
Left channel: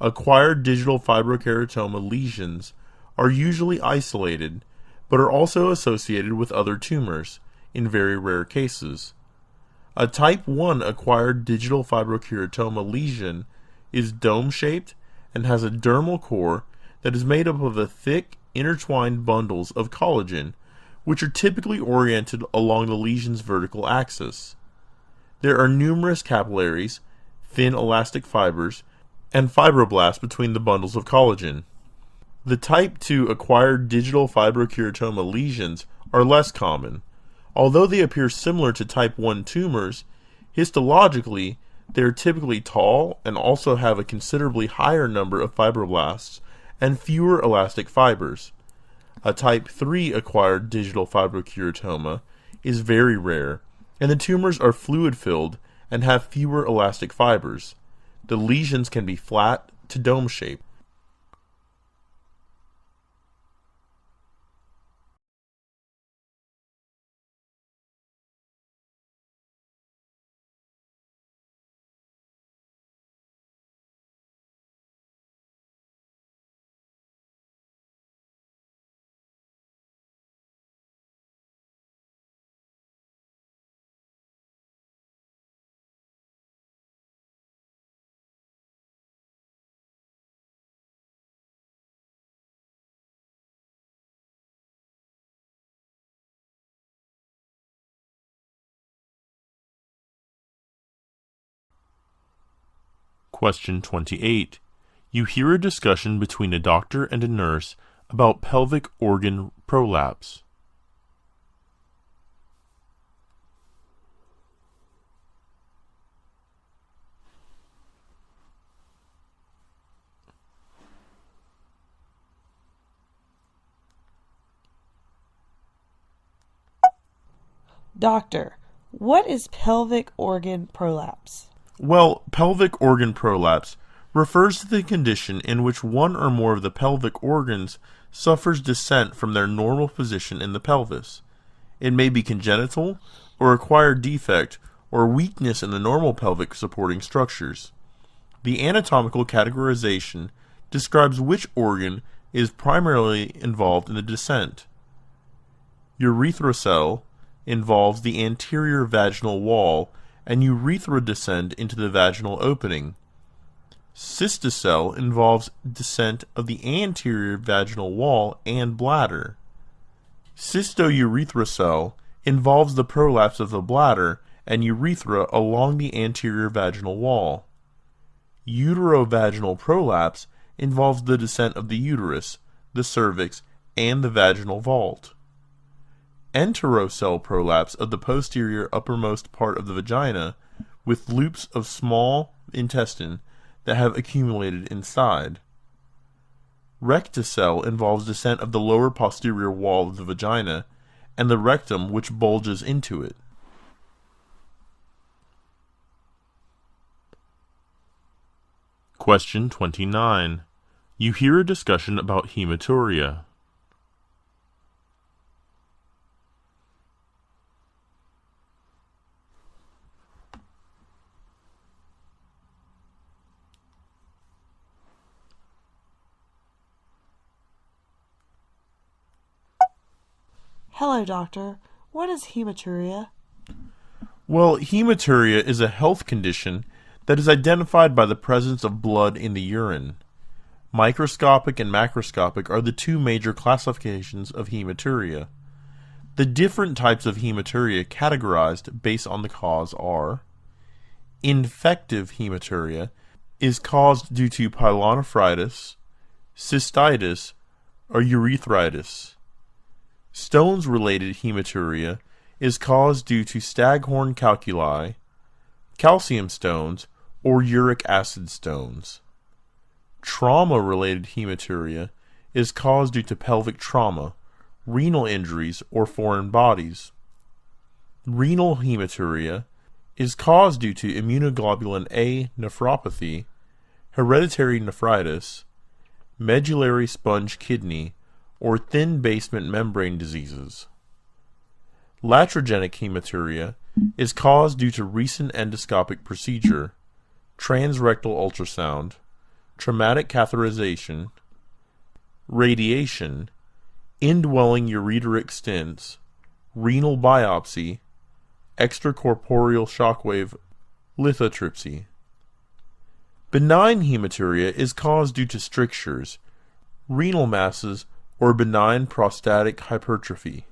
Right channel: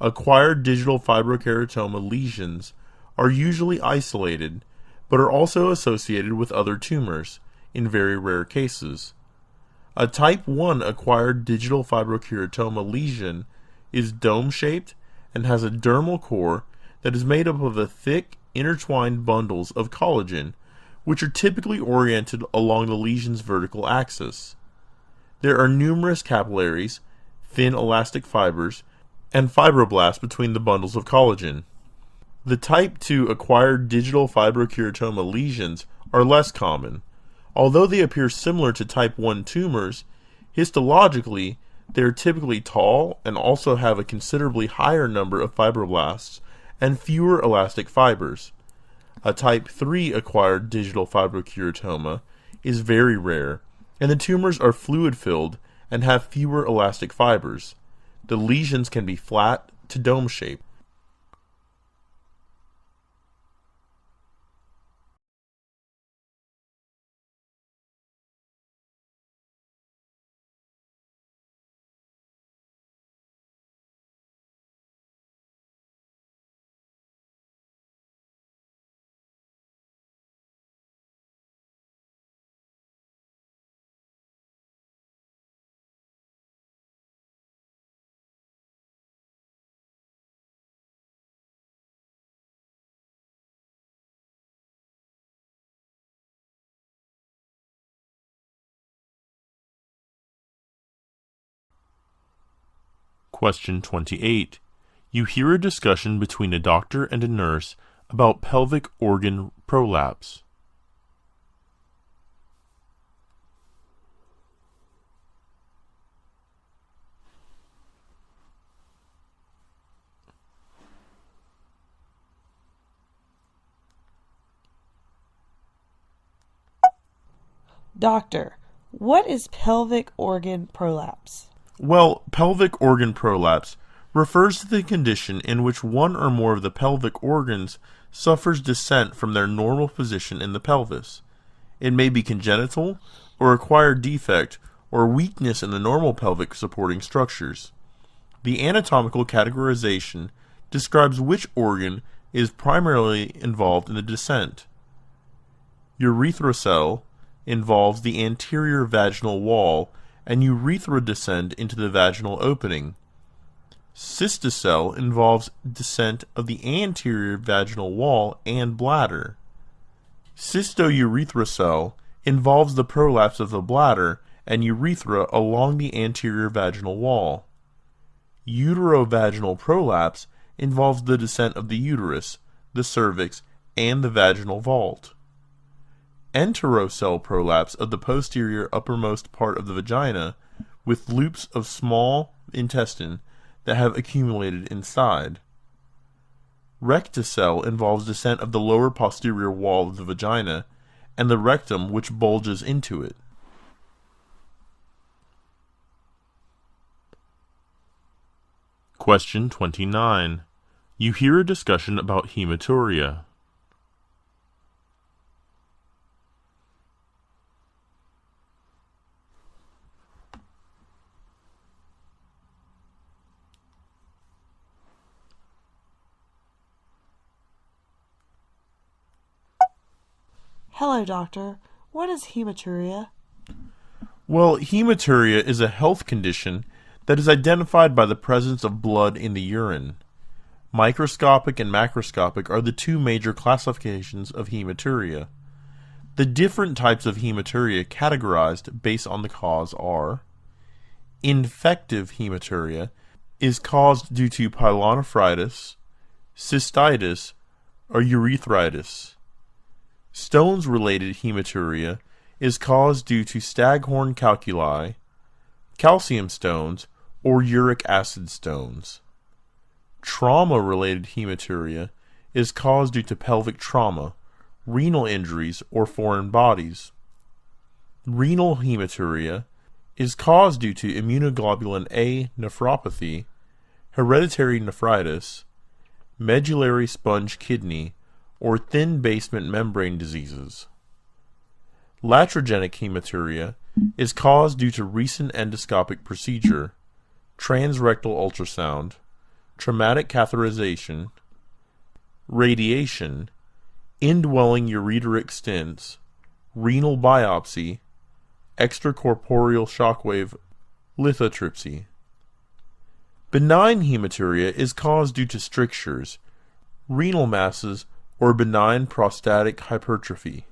Acquired digital fibrokeratoma lesions are usually isolated, but are also associated with other tumors, in very rare cases. A type 1 acquired digital fibrokeratoma lesion is dome-shaped and has a dermal core that is made up of a thick, intertwined bundles of collagen, which are typically oriented along the lesion's vertical axis. There are numerous capillaries, thin elastic fibers, and fibroblasts between the bundles of collagen. The type 2 acquired digital fibrokeratoma lesions are less common. Although they appear similar to type 1 tumors, histologically they are typically tall and also have a considerably higher number of fibroblasts and fewer elastic fibers. A type 3 acquired digital fibrokeratoma is very rare, and the tumors are fluid-filled and have fewer elastic fibers. The lesions can be flat to dome-shaped. Question 28. You hear a discussion between a doctor and a nurse about pelvic organ prolapse. Doctor, what is pelvic organ prolapse? Well, pelvic organ prolapse refers to the condition in which one or more of the pelvic organs suffers descent from their normal position in the pelvis. It may be congenital, or acquired defect, or weakness in the normal pelvic supporting structures. The anatomical categorization describes which organ is primarily involved in the descent. Urethral involves the anterior vaginal wall, and urethra descend into the vaginal opening. Cystocele involves descent of the anterior vaginal wall and bladder. Cystourethral involves the prolapse of the bladder and urethra along the anterior vaginal wall. Uterovaginal prolapse involves the descent of the uterus, the cervix, and the vaginal vault. Enterocele prolapse of the posterior uppermost part of the vagina with loops of small intestine that have accumulated inside. Rectocele involves descent of the lower posterior wall of the vagina and the rectum which bulges into it. Question 29. You hear a discussion about hematuria. Hello, doctor. What is hematuria? Well, hematuria is a health condition that is identified by the presence of blood in the urine. Microscopic and macroscopic are the two major classifications of hematuria. The different types of hematuria categorized based on the cause are: infective hematuria is caused due to pyelonephritis, cystitis, or urethritis. Stones-related hematuria is caused due to staghorn calculi, calcium stones, or uric acid stones. Trauma-related hematuria is caused due to pelvic trauma, renal injuries, or foreign bodies. Renal hematuria is caused due to immunoglobulin A nephropathy, hereditary nephritis, medullary sponge kidney, or thin basement membrane diseases. Iatrogenic hematuria is caused due to recent endoscopic procedure, transrectal ultrasound, traumatic catheterization, radiation, indwelling ureteric stents, renal biopsy, extracorporeal shockwave lithotripsy. Benign hematuria is caused due to strictures, renal masses, or benign prostatic hypertrophy.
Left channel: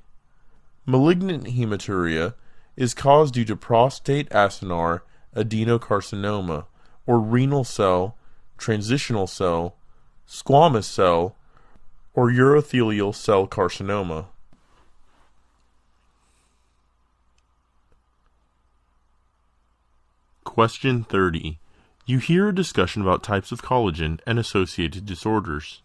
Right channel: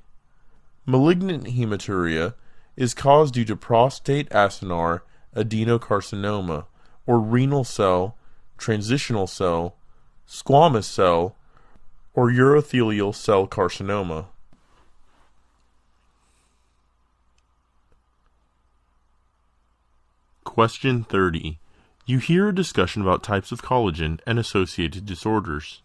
Malignant hematuria is caused due to prostate acinar adenocarcinoma, or renal cell, transitional cell, squamous cell, or urothelial cell carcinoma. Question 30. You hear a discussion about types of collagen and associated disorders.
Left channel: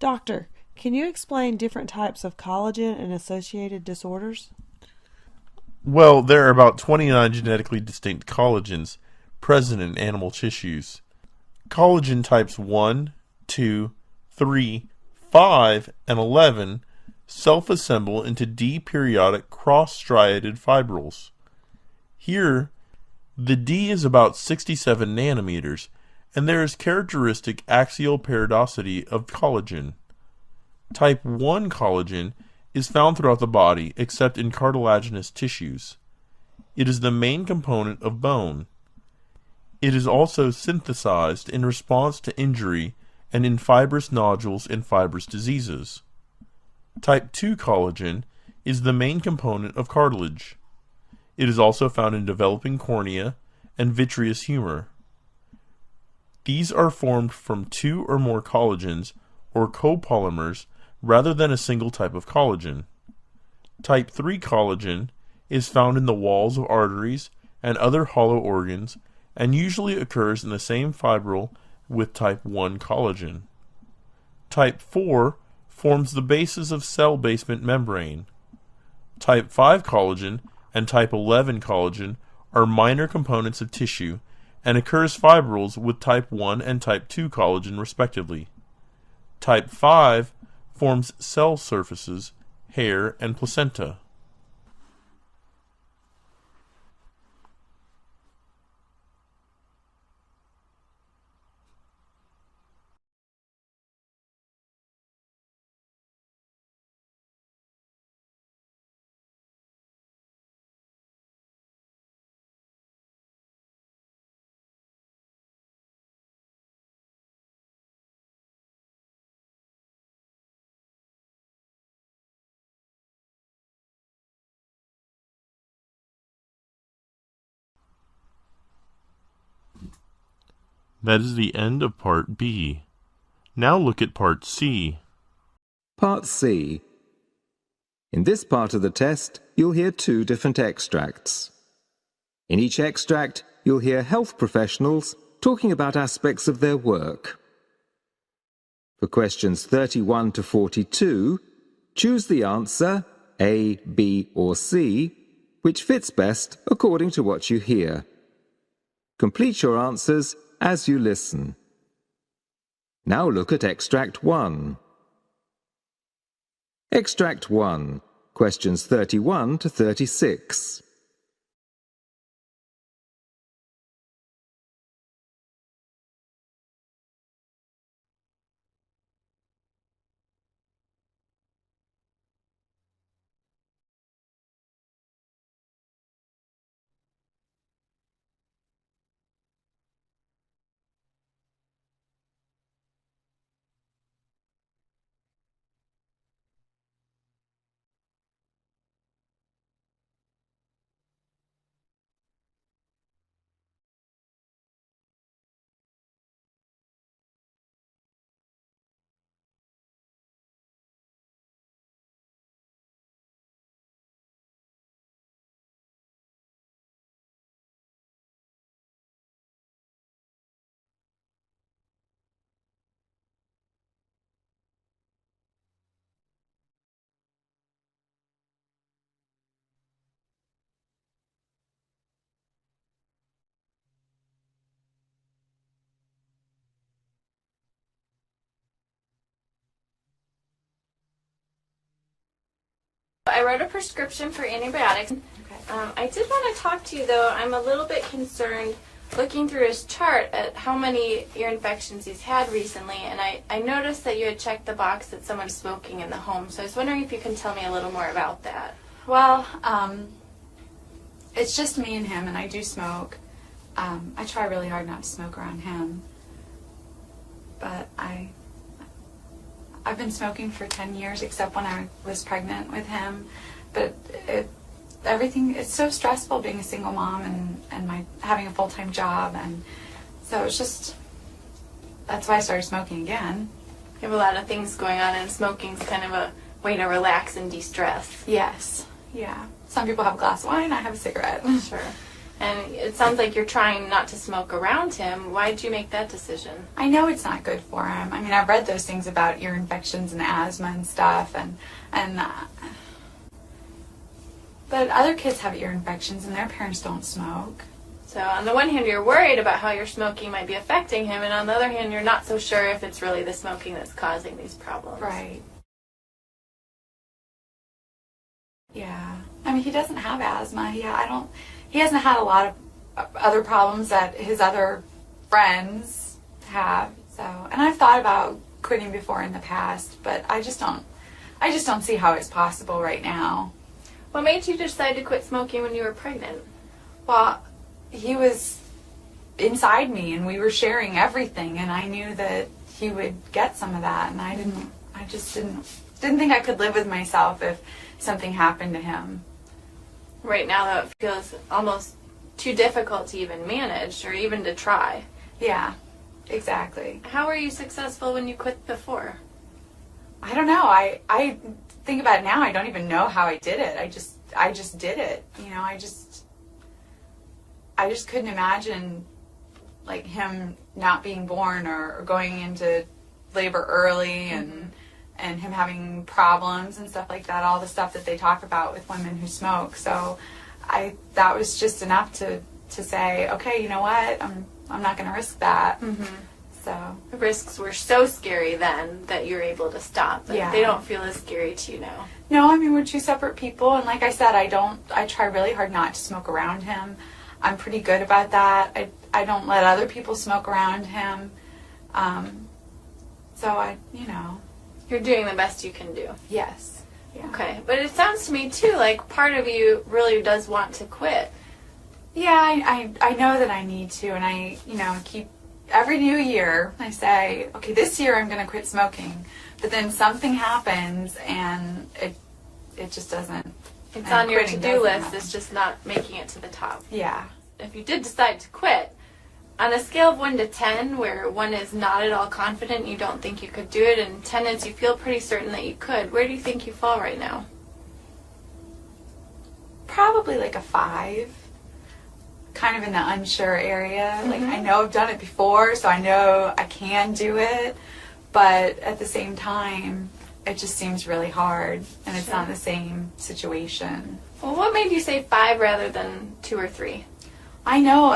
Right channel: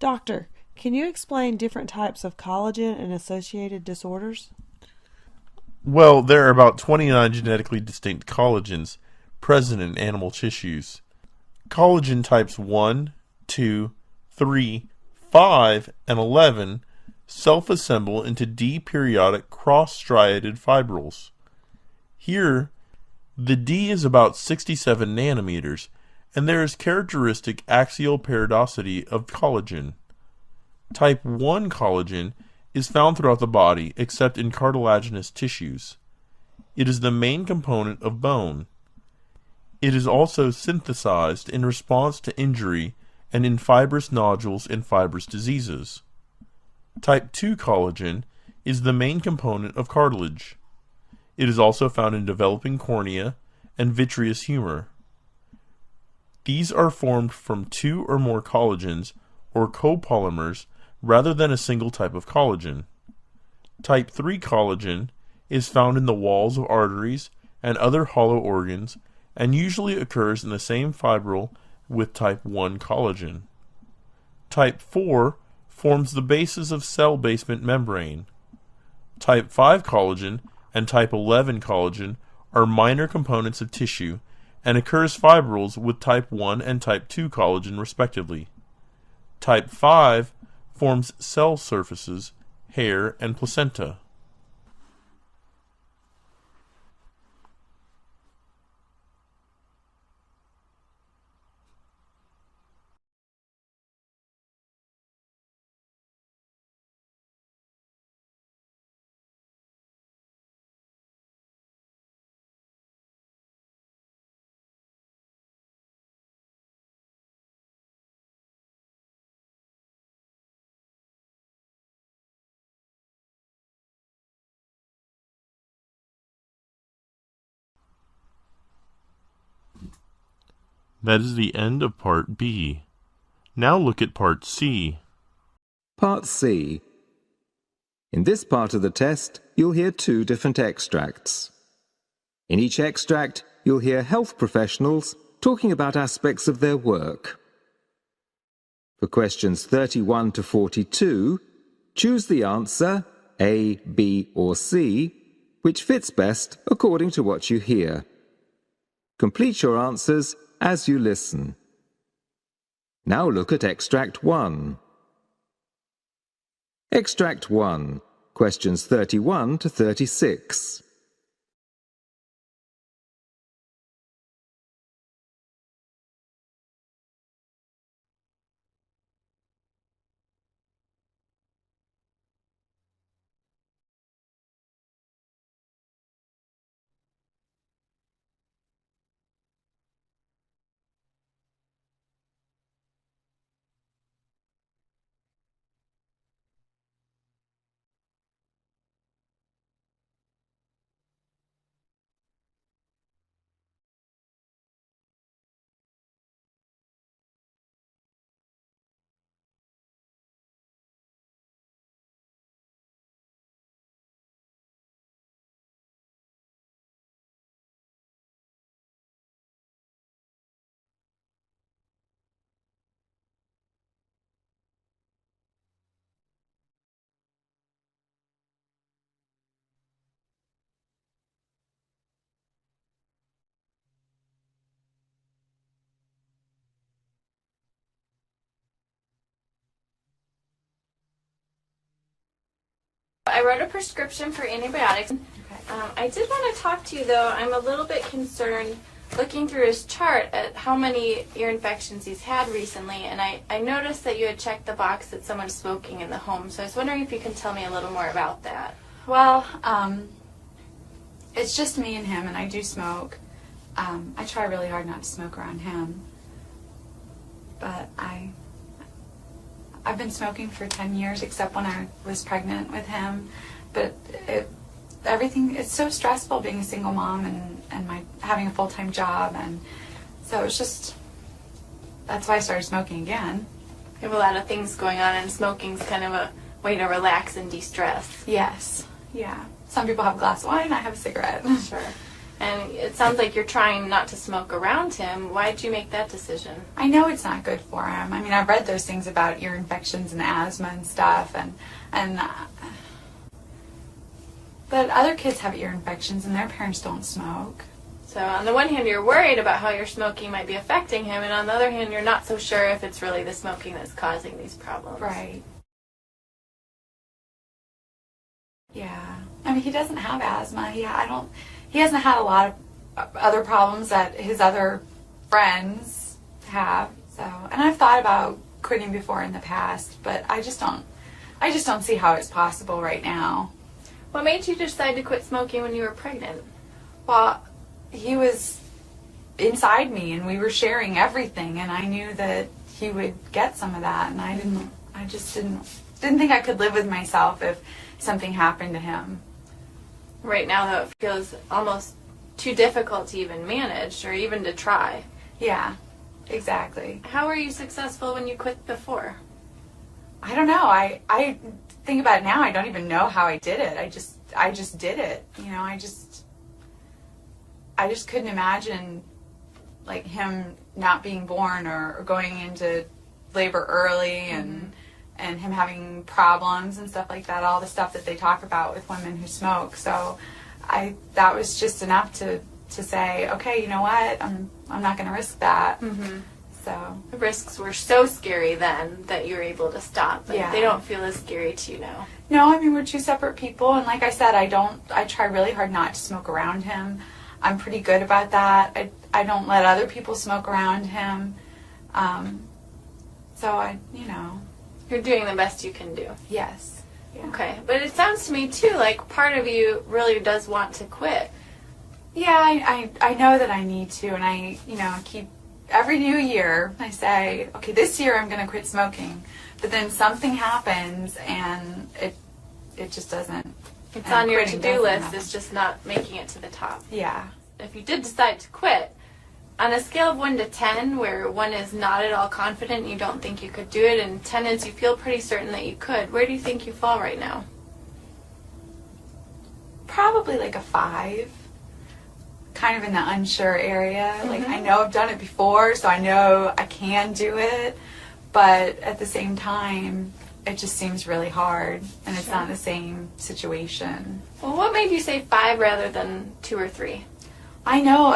Doctor, can you explain different types of collagen and associated disorders? Well, there are about 29 genetically distinct collagens present in animal tissues. Collagen types 1, 2, 3, 5, and 11 self-assemble into D-periodic cross-striated fibrils. Here, the D is about 67 nanometers, and there is characteristic axial periodicity of collagen. Type 1 collagen is found throughout the body except in cartilaginous tissues. It is the main component of bone. It is also synthesized in response to injury and in fibrous nodules and fibrous diseases. Type 2 collagen is the main component of cartilage. It is also found in developing cornea and vitreous humor. These are formed from two or more collagens or copolymers rather than a single type of collagen. Type 3 collagen is found in the walls of arteries and other hollow organs and usually occurs in the same fibril with type 1 collagen. Type 4 forms the basis of cell basement membrane. Type 5 collagen and type 11 collagen are minor components of tissue and occurs fibrils with type 1 and type 2 collagen respectively. Type 5 forms cell surfaces, hair, and placenta. That is the end of Part B. Now look at Part C. Part C. In this part of the test, you'll hear two different extracts. In each extract, you'll hear health professionals talking about aspects of their work. For questions 31 to 42, choose the answer A, B, or C, which fits best according to what you hear. Complete your answers as you listen. Now look at Extract 1. Extract 1, questions 31 to 36. I wrote a prescription for antibiotics. I did want to talk to you, though. I'm a little bit concerned looking through his chart at how many ear infections he's had recently, and I noticed that you had checked the box that someone's smoking in the home, so I was wondering if you can tell me a little more about that. Well, it's just me and him, and I do smoke. I try really hard not to smoke around him, but I've been smoking for 10 years, except when I was pregnant with him. But it's so stressful being a single mom and having a full-time job, and so it's just, that's why I started smoking again. You have a lot of things going on, and smoking's kind of a way to relax and de-stress. Yes, yeah. Some people have a glass of wine, I have a cigarette. Sure. And it sounds like you're trying not to smoke around him. Why did you make that decision? I know it's not good for him. I mean, I've read those things about ear infections and asthma and stuff, but other kids have ear infections and their parents don't smoke. So on the one hand, you're worried about how your smoking might be affecting him, and on the other hand, you're not so sure if it's really the smoking that's causing these problems. Right. Yeah. I mean, he doesn't have asthma. He hasn't had a lot of other problems that his other friends have. So, and I've thought about quitting before in the past, but I just don't see how it's possible right now. What made you decide to quit smoking when you were pregnant? Well, he was inside me and we were sharing everything, and I knew that he would get some of that, and I just didn't think I could live with myself if something happened to him. Right now, though, it feels almost too difficult to even manage or even to try. Yeah, exactly. How were you successful when you quit before? I don't know. I think about it now. I don't even know how I did it. I just did it. You know, I just couldn't imagine like him not being born or going into labor early and him having problems and stuff like that, all the stuff that they talk about with women who smoke. So that was just enough to say, okay, you know what, I'm not going to risk that. Mm-hmm. So the risks were so scary then that you were able to stop, but they don't feel as scary to you now. No, I mean, we're two separate people, and like I said, I try really hard not to smoke around him. I'm pretty good about that. I don't let other people smoke around him. So You're doing the best you can do. Yes. Yeah. Okay, but it sounds to me too like part of you really does want to quit. Yeah, I know that I need to, and I keep every new year I say, okay, this year I'm going to quit smoking, but then something happens and it just doesn't. It's on your to-do list. It's just not making it to the top. Yeah. If you did decide to quit, on a scale of 1 to 10, where 1 is not at all confident, you don't think you could do it, and 10 is you feel pretty certain that you could, where do you think you fall right now? Probably like a 5. Kind of in the unsure area. Mm-hmm. Like, I know I've done it before, so I know I can do it, but at the same time, it just seems really hard, and it's not the same situation. Well, what made you say 5 rather than 2 or 3? I know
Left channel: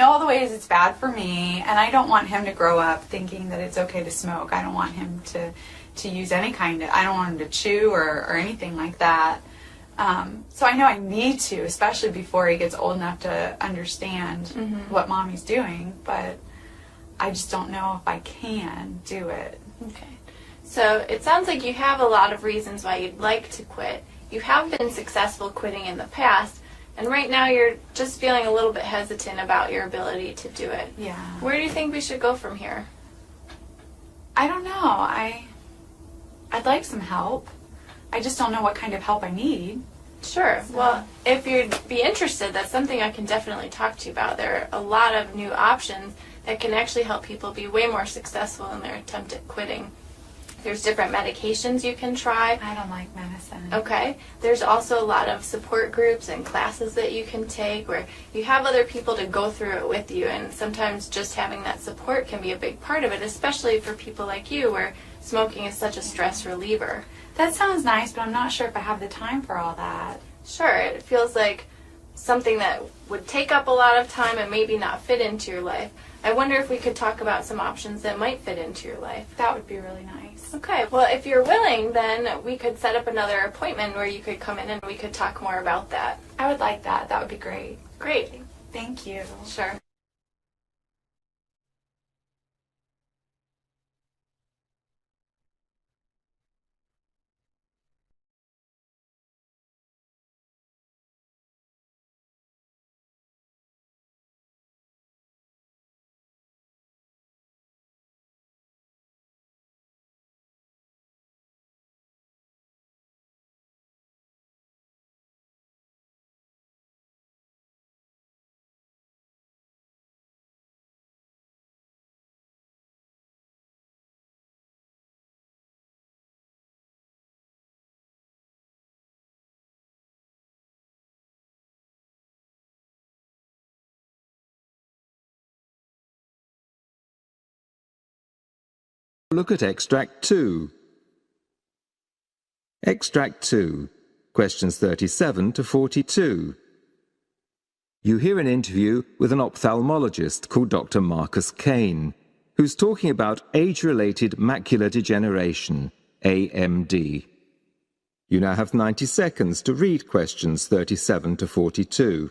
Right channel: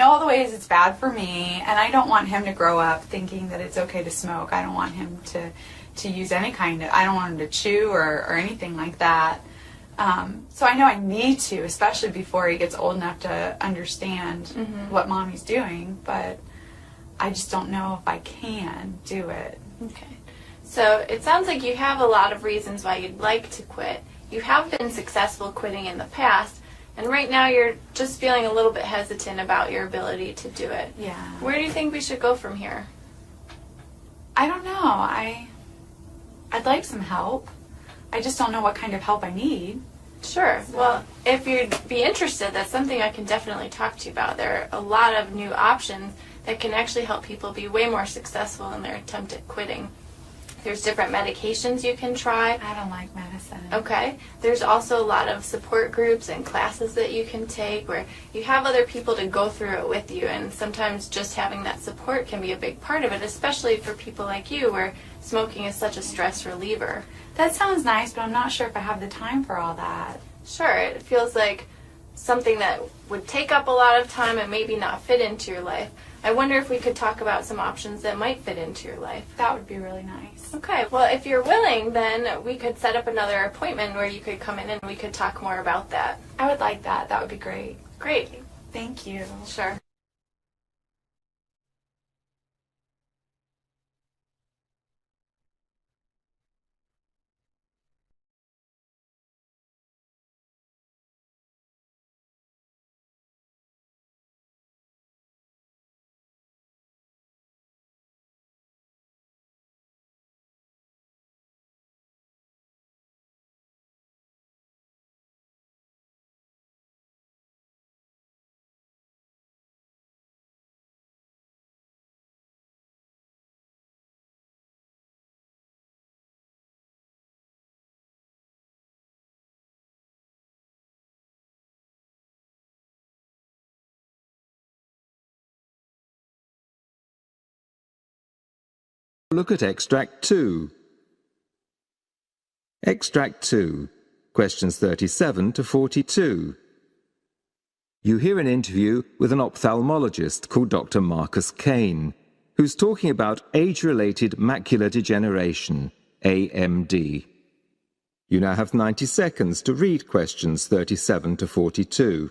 all the ways it's bad for me, and I don't want him to grow up thinking that it's okay to smoke. I don't want him to use any kind of, I don't want him to chew or anything like that. So I know I need to, especially before he gets old enough to understand what mommy's doing, but I just don't know if I can do it. Okay. So it sounds like you have a lot of reasons why you'd like to quit. You have been successful quitting in the past, and right now you're just feeling a little bit hesitant about your ability to do it. Yeah. Where do you think we should go from here? I don't know. I'd like some help. I just don't know what kind of help I need. Sure. Well, if you'd be interested, that's something I can definitely talk to you about. There are a lot of new options that can actually help people be way more successful in their attempt at quitting. There's different medications you can try. I don't like medicine. Okay. There's also a lot of support groups and classes that you can take where you have other people to go through it with you, and sometimes just having that support can be a big part of it, especially for people like you where smoking is such a stress reliever. That sounds nice, but I'm not sure if I have the time for all that. Sure. It feels like something that would take up a lot of time and maybe not fit into your life. I wonder if we could talk about some options that might fit into your life. That would be really nice. Okay, well, if you're willing, then we could set up another appointment where you could come in and we could talk more about that. I would like that. That would be great. Great. Thank you. Sure. Look at Extract 2. Extract 2, questions 37 to 42. You hear an interview with an ophthalmologist called Dr. Marcus Kane, who's talking about age-related macular degeneration, AMD. You now have 90 seconds to read questions 37 to 42.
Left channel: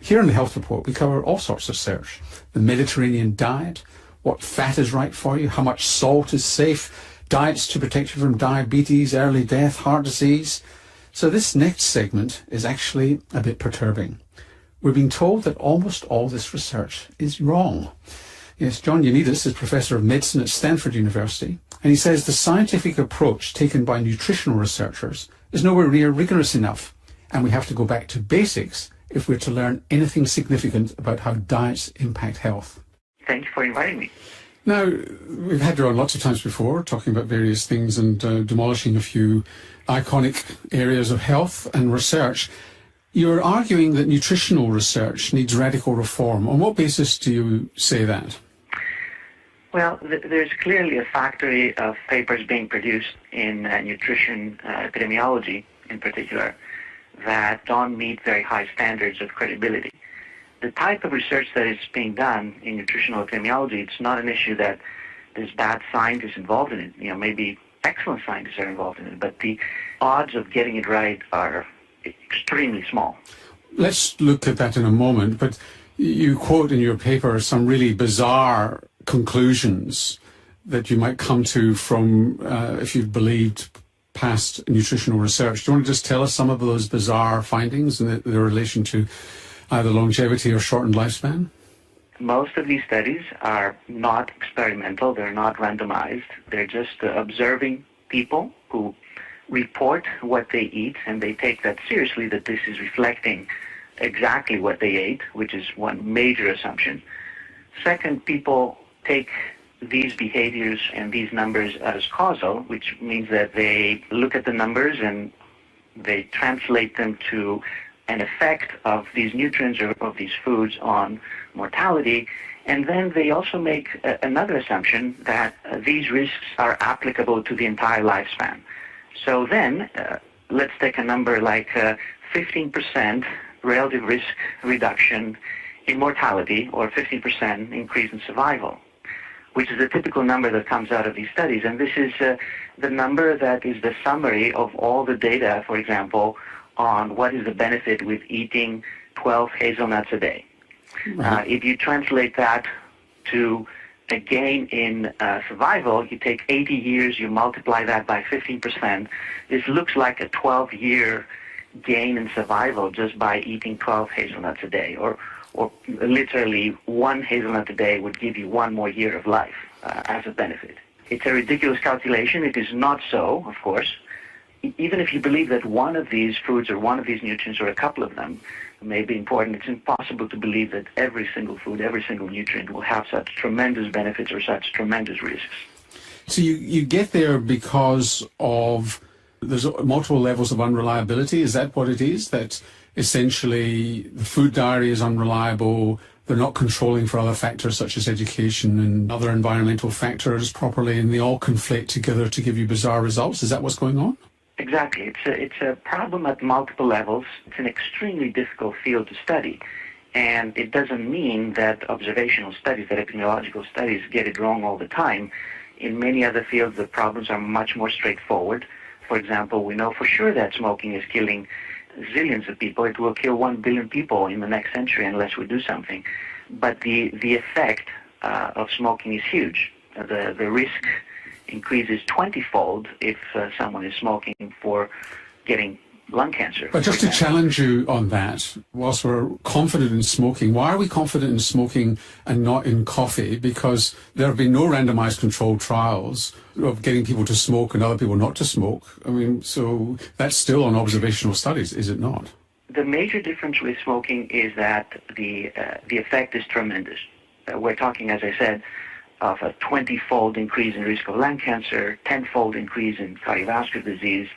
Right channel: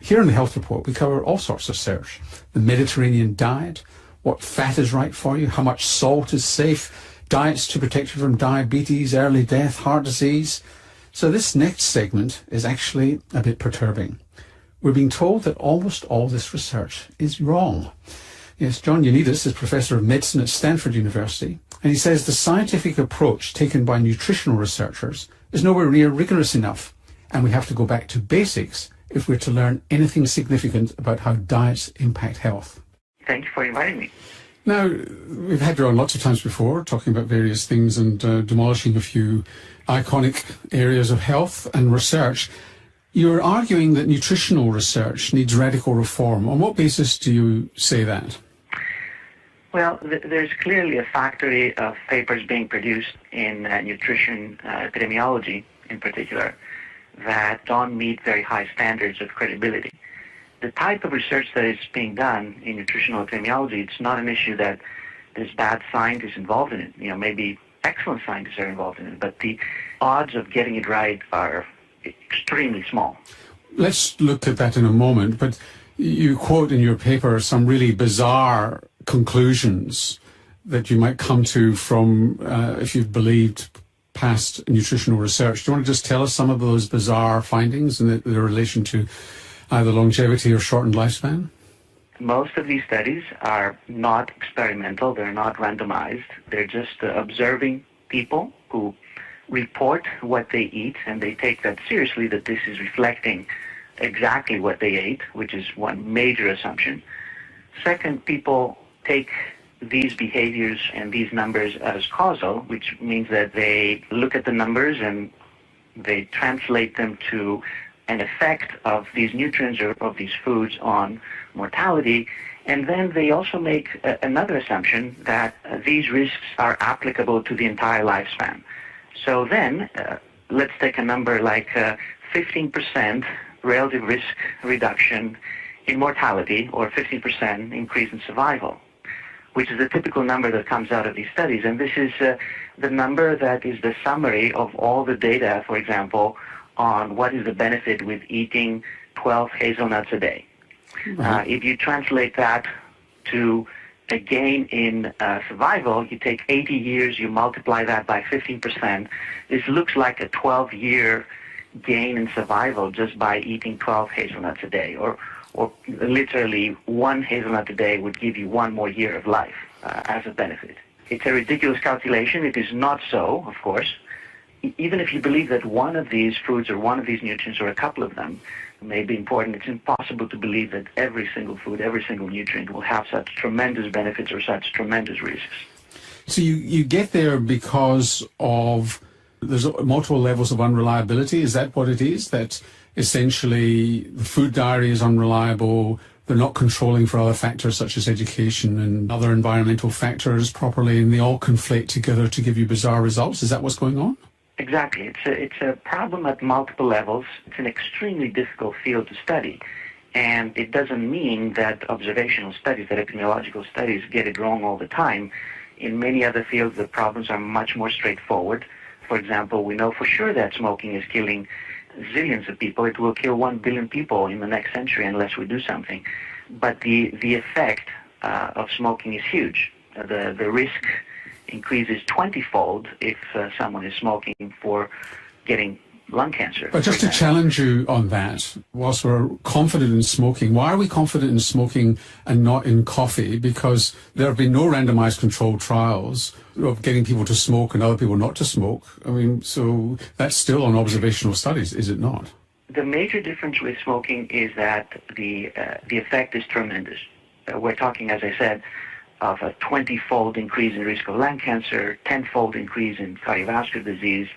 Here in the health report, we cover all sorts of research. The Mediterranean diet, what fat is right for you, how much salt is safe, diets to protect you from diabetes, early death, heart disease. So this next segment is actually a bit perturbing. We're being told that almost all this research is wrong. Yes, John Ioannidis is Professor of Medicine at Stanford University, and he says the scientific approach taken by nutritional researchers is nowhere near rigorous enough, and we have to go back to basics if we're to learn anything significant about how diets impact health. Thank you for inviting me. Now, we've had you on lots of times before, talking about various things and demolishing a few iconic areas of health and research. You're arguing that nutritional research needs radical reform. On what basis do you say that? Well, there's clearly a factory of papers being produced in nutrition epidemiology in particular that don't meet very high standards of credibility. The type of research that is being done in nutritional epidemiology, it's not an issue that there's bad scientists involved in it. You know, maybe excellent scientists are involved in it, but the odds of getting it right are extremely small. Let's look at that in a moment, but you quote in your paper some really bizarre conclusions that you might come to from if you've believed past nutritional research. Do you want to just tell us some of those bizarre findings and their relation to either longevity or shortened lifespan? Most of these studies are not experimental, they're not randomized, they're just observing people who report what they eat, and they take that seriously, that this is reflecting exactly what they ate, which is one major assumption. Second, people take these behaviors and these numbers as causal, which means that they look at the numbers and they translate them to an effect of these nutrients or of these foods on mortality, and then they also make another assumption that these risks are applicable to the entire lifespan. So then, let's take a number like 15% relative risk reduction in mortality or 15% increase in survival, which is a typical number that comes out of these studies. And this is the number that is the summary of all the data, for example, on what is the benefit with eating 12 hazelnuts a day. If you translate that to a gain in survival, you take 80 years, you multiply that by 15%. This looks like a 12-year gain in survival just by eating 12 hazelnuts a day, or literally one hazelnut a day would give you one more year of life as a benefit. It's a ridiculous calculation. It is not so, of course. Even if you believe that one of these foods or one of these nutrients or a couple of them may be important, it's impossible to believe that every single food, every single nutrient will have such tremendous benefits or such tremendous risks. So you get there because of there's multiple levels of unreliability. Is that what it is? That essentially the food diary is unreliable, they're not controlling for other factors such as education and other environmental factors properly, and they all conflate together to give you bizarre results? Is that what's going on? Exactly. It's a problem at multiple levels. It's an extremely difficult field to study. And it doesn't mean that observational studies, that epidemiological studies get it wrong all the time. In many other fields, the problems are much more straightforward. For example, we know for sure that smoking is killing zillions of people. It will kill 1 billion people in the next century unless we do something. But the effect of smoking is huge. The risk increases 20-fold if someone is smoking for getting lung cancer. But just to challenge you on that, whilst we're confident in smoking, why are we confident in smoking and not in coffee? Because there have been no randomized controlled trials of getting people to smoke and other people not to smoke. I mean, so that's still on observational studies, is it not? The major difference with smoking is that the effect is tremendous. We're talking, as I said, of a 20-fold increase in risk of lung cancer, 10-fold increase in cardiovascular disease.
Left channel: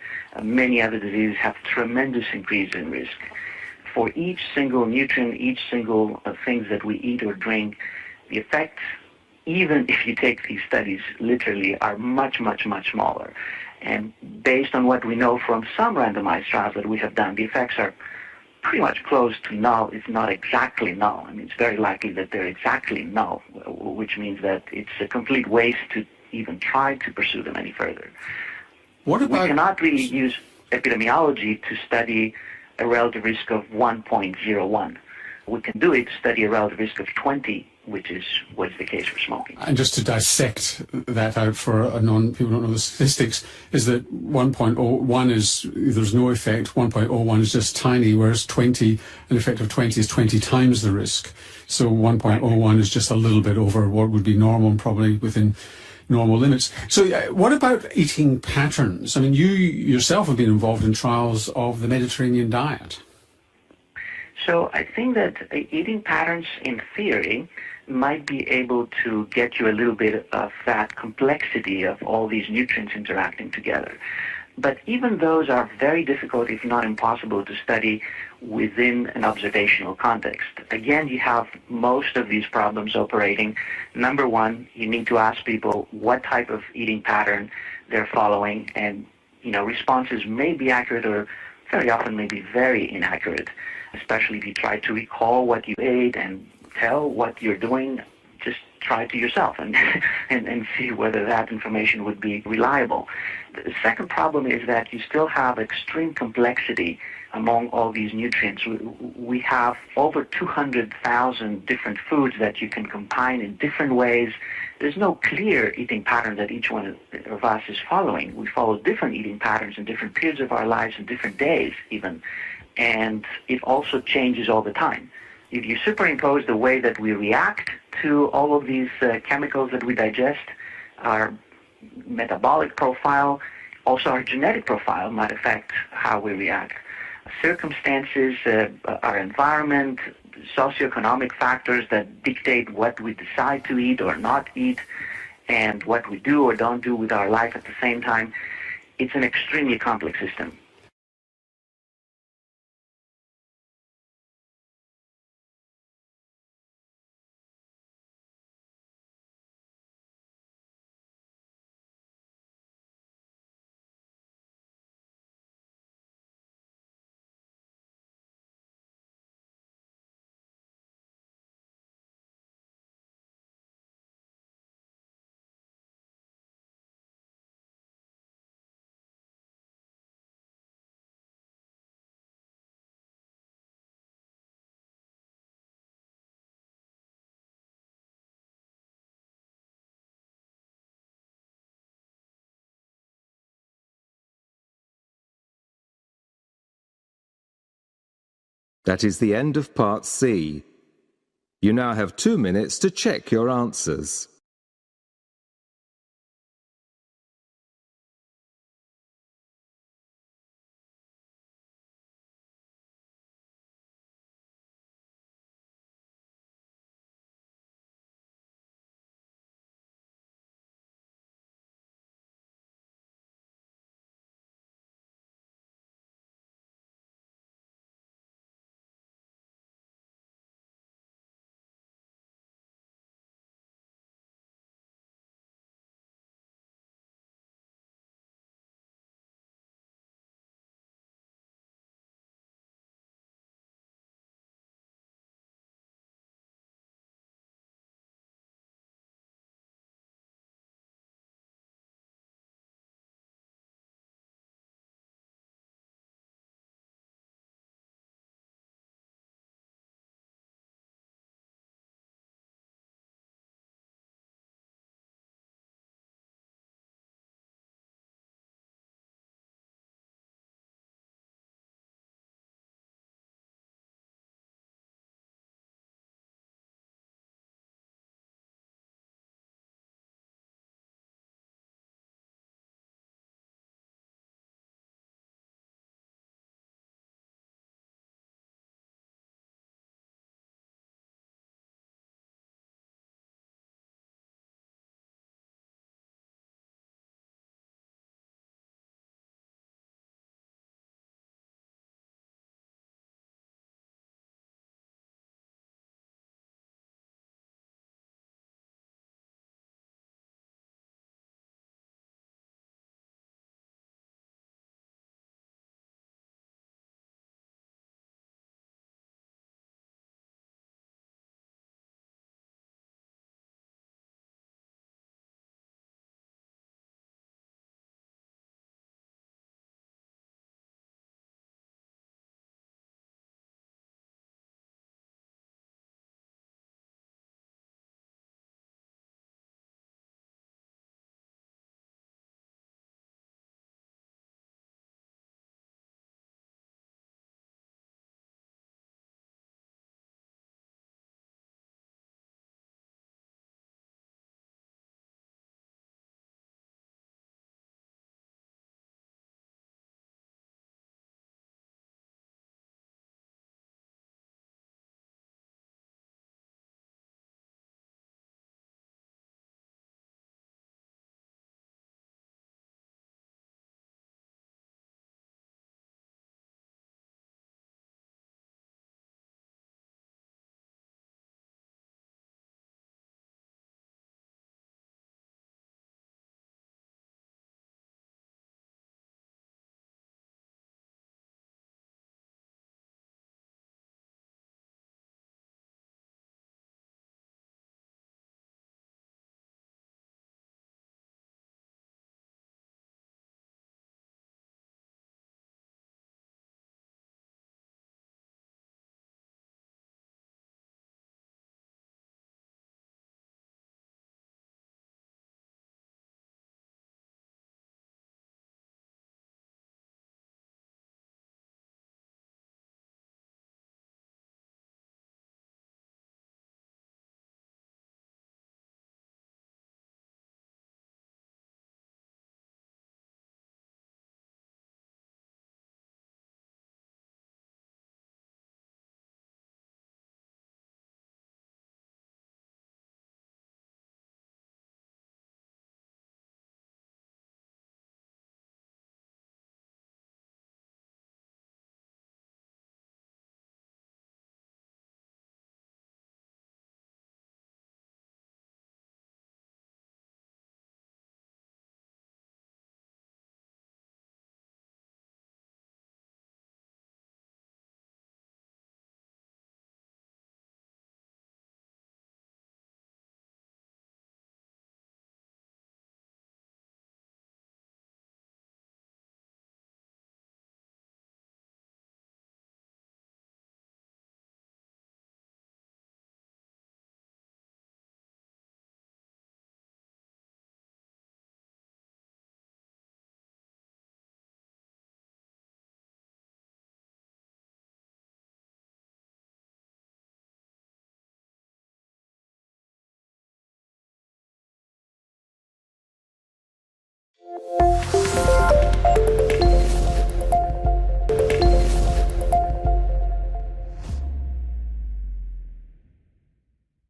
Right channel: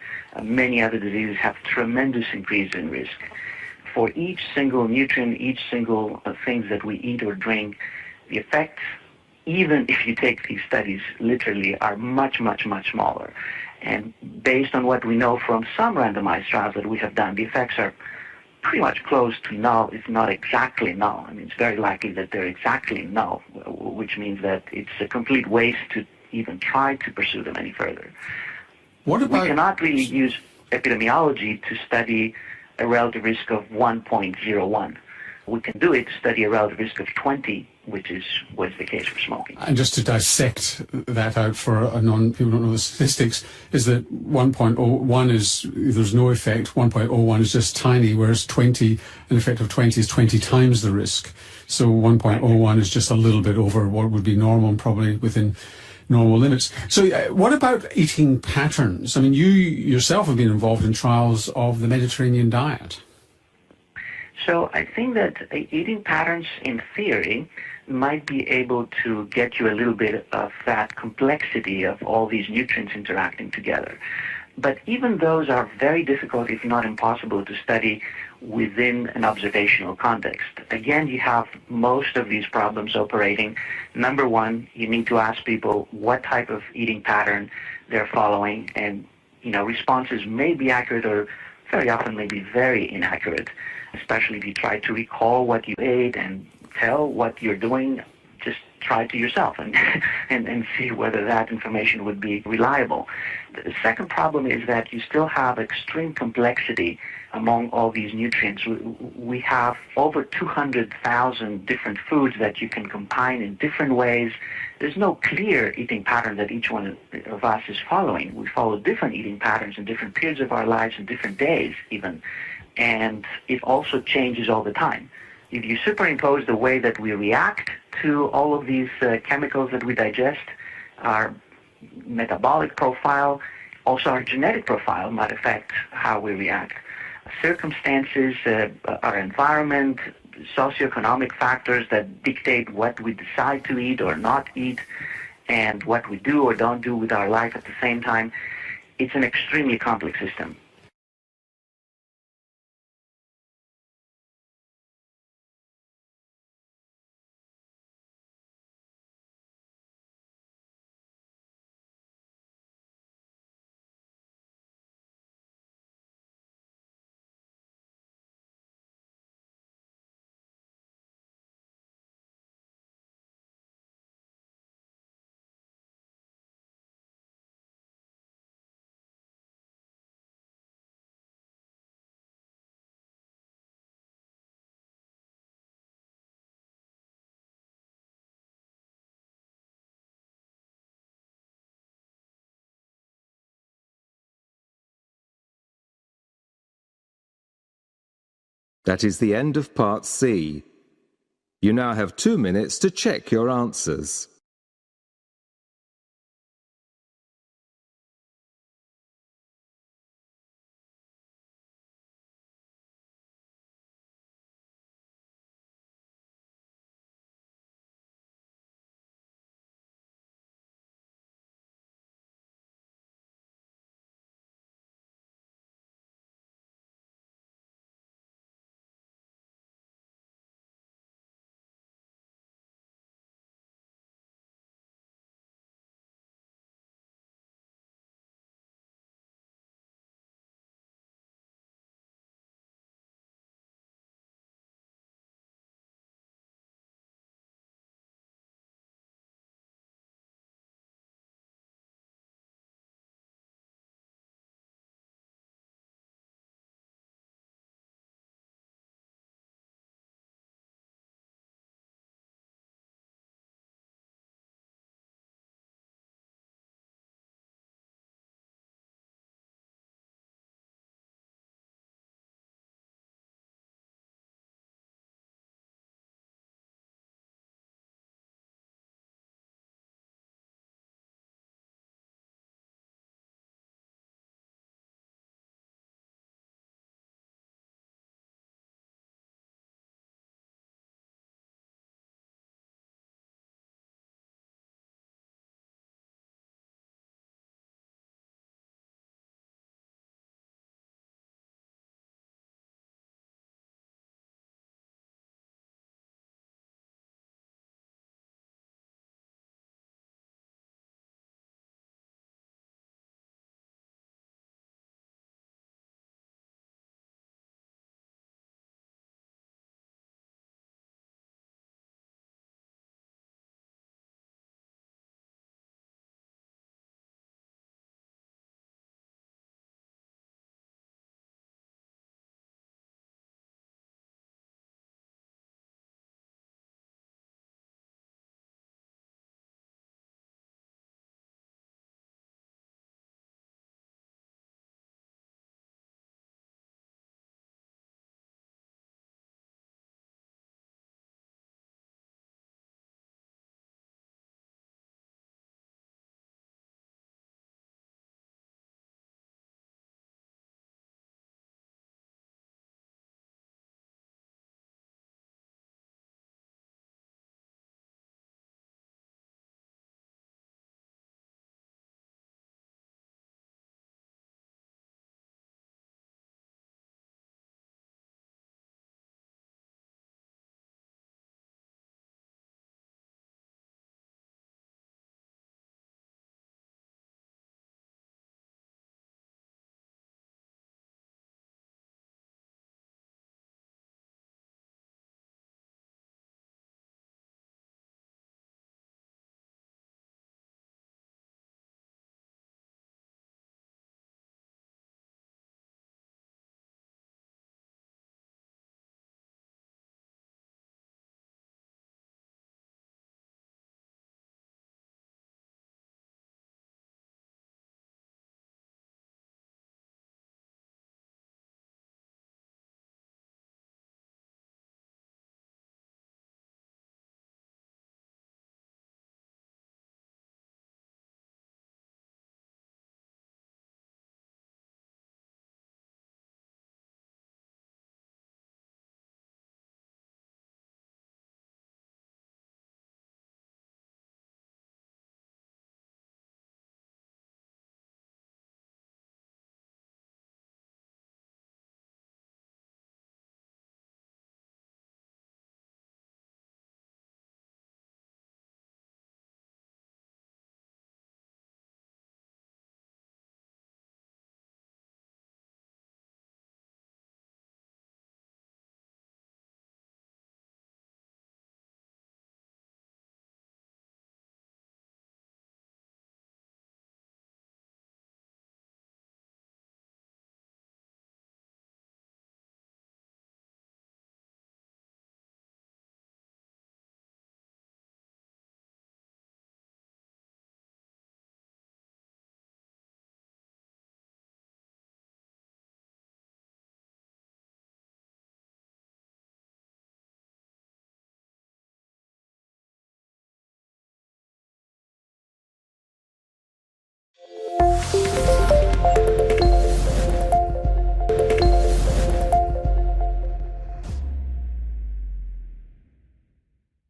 Many other diseases have tremendous increase in risk. For each single nutrient, each single things that we eat or drink, the effects, even if you take these studies literally, are much, much, much smaller. And based on what we know from some randomized trials that we have done, the effects are pretty much close to null, if not exactly null. I mean, it's very likely that they're exactly null, which means that it's a complete waste to even try to pursue them any further. What about... We cannot really use epidemiology to study a relative risk of 1.01. We can do it to study a relative risk of 20, which is what's the case for smoking. And just to dissect that out for people who don't know the statistics, is that 1.01 is, there's no effect, 1.01 is just tiny, whereas 20, an effect of 20 is 20 times the risk. So 1.01 is just a little bit over what would be normal and probably within normal limits. So what about eating patterns? I mean, you yourself have been involved in trials of the Mediterranean diet. So I think that eating patterns, in theory, might be able to get you a little bit of that complexity of all these nutrients interacting together. But even those are very difficult, if not impossible, to study within an observational context. Again, you have most of these problems operating. Number one, you need to ask people what type of eating pattern they're following, and responses may be accurate or very often may be very inaccurate, especially if you try to recall what you ate and tell what you're doing. Just try it to yourself and see whether that information would be reliable. The second problem is that you still have extreme complexity among all these nutrients. We have over 200,000 different foods that you can combine in different ways. There's no clear eating pattern that each one of us is following. We follow different eating patterns in different periods of our lives and different days even. And it also changes all the time. If you superimpose the way that we react to all of these chemicals that we digest, our metabolic profile, also our genetic profile might affect how we react. Circumstances, our environment, socioeconomic factors that dictate what we decide to eat or not eat, and what we do or don't do with our life at the same time. It's an extremely complex system. That is the end of Part C. You now have 2 minutes to check your answers.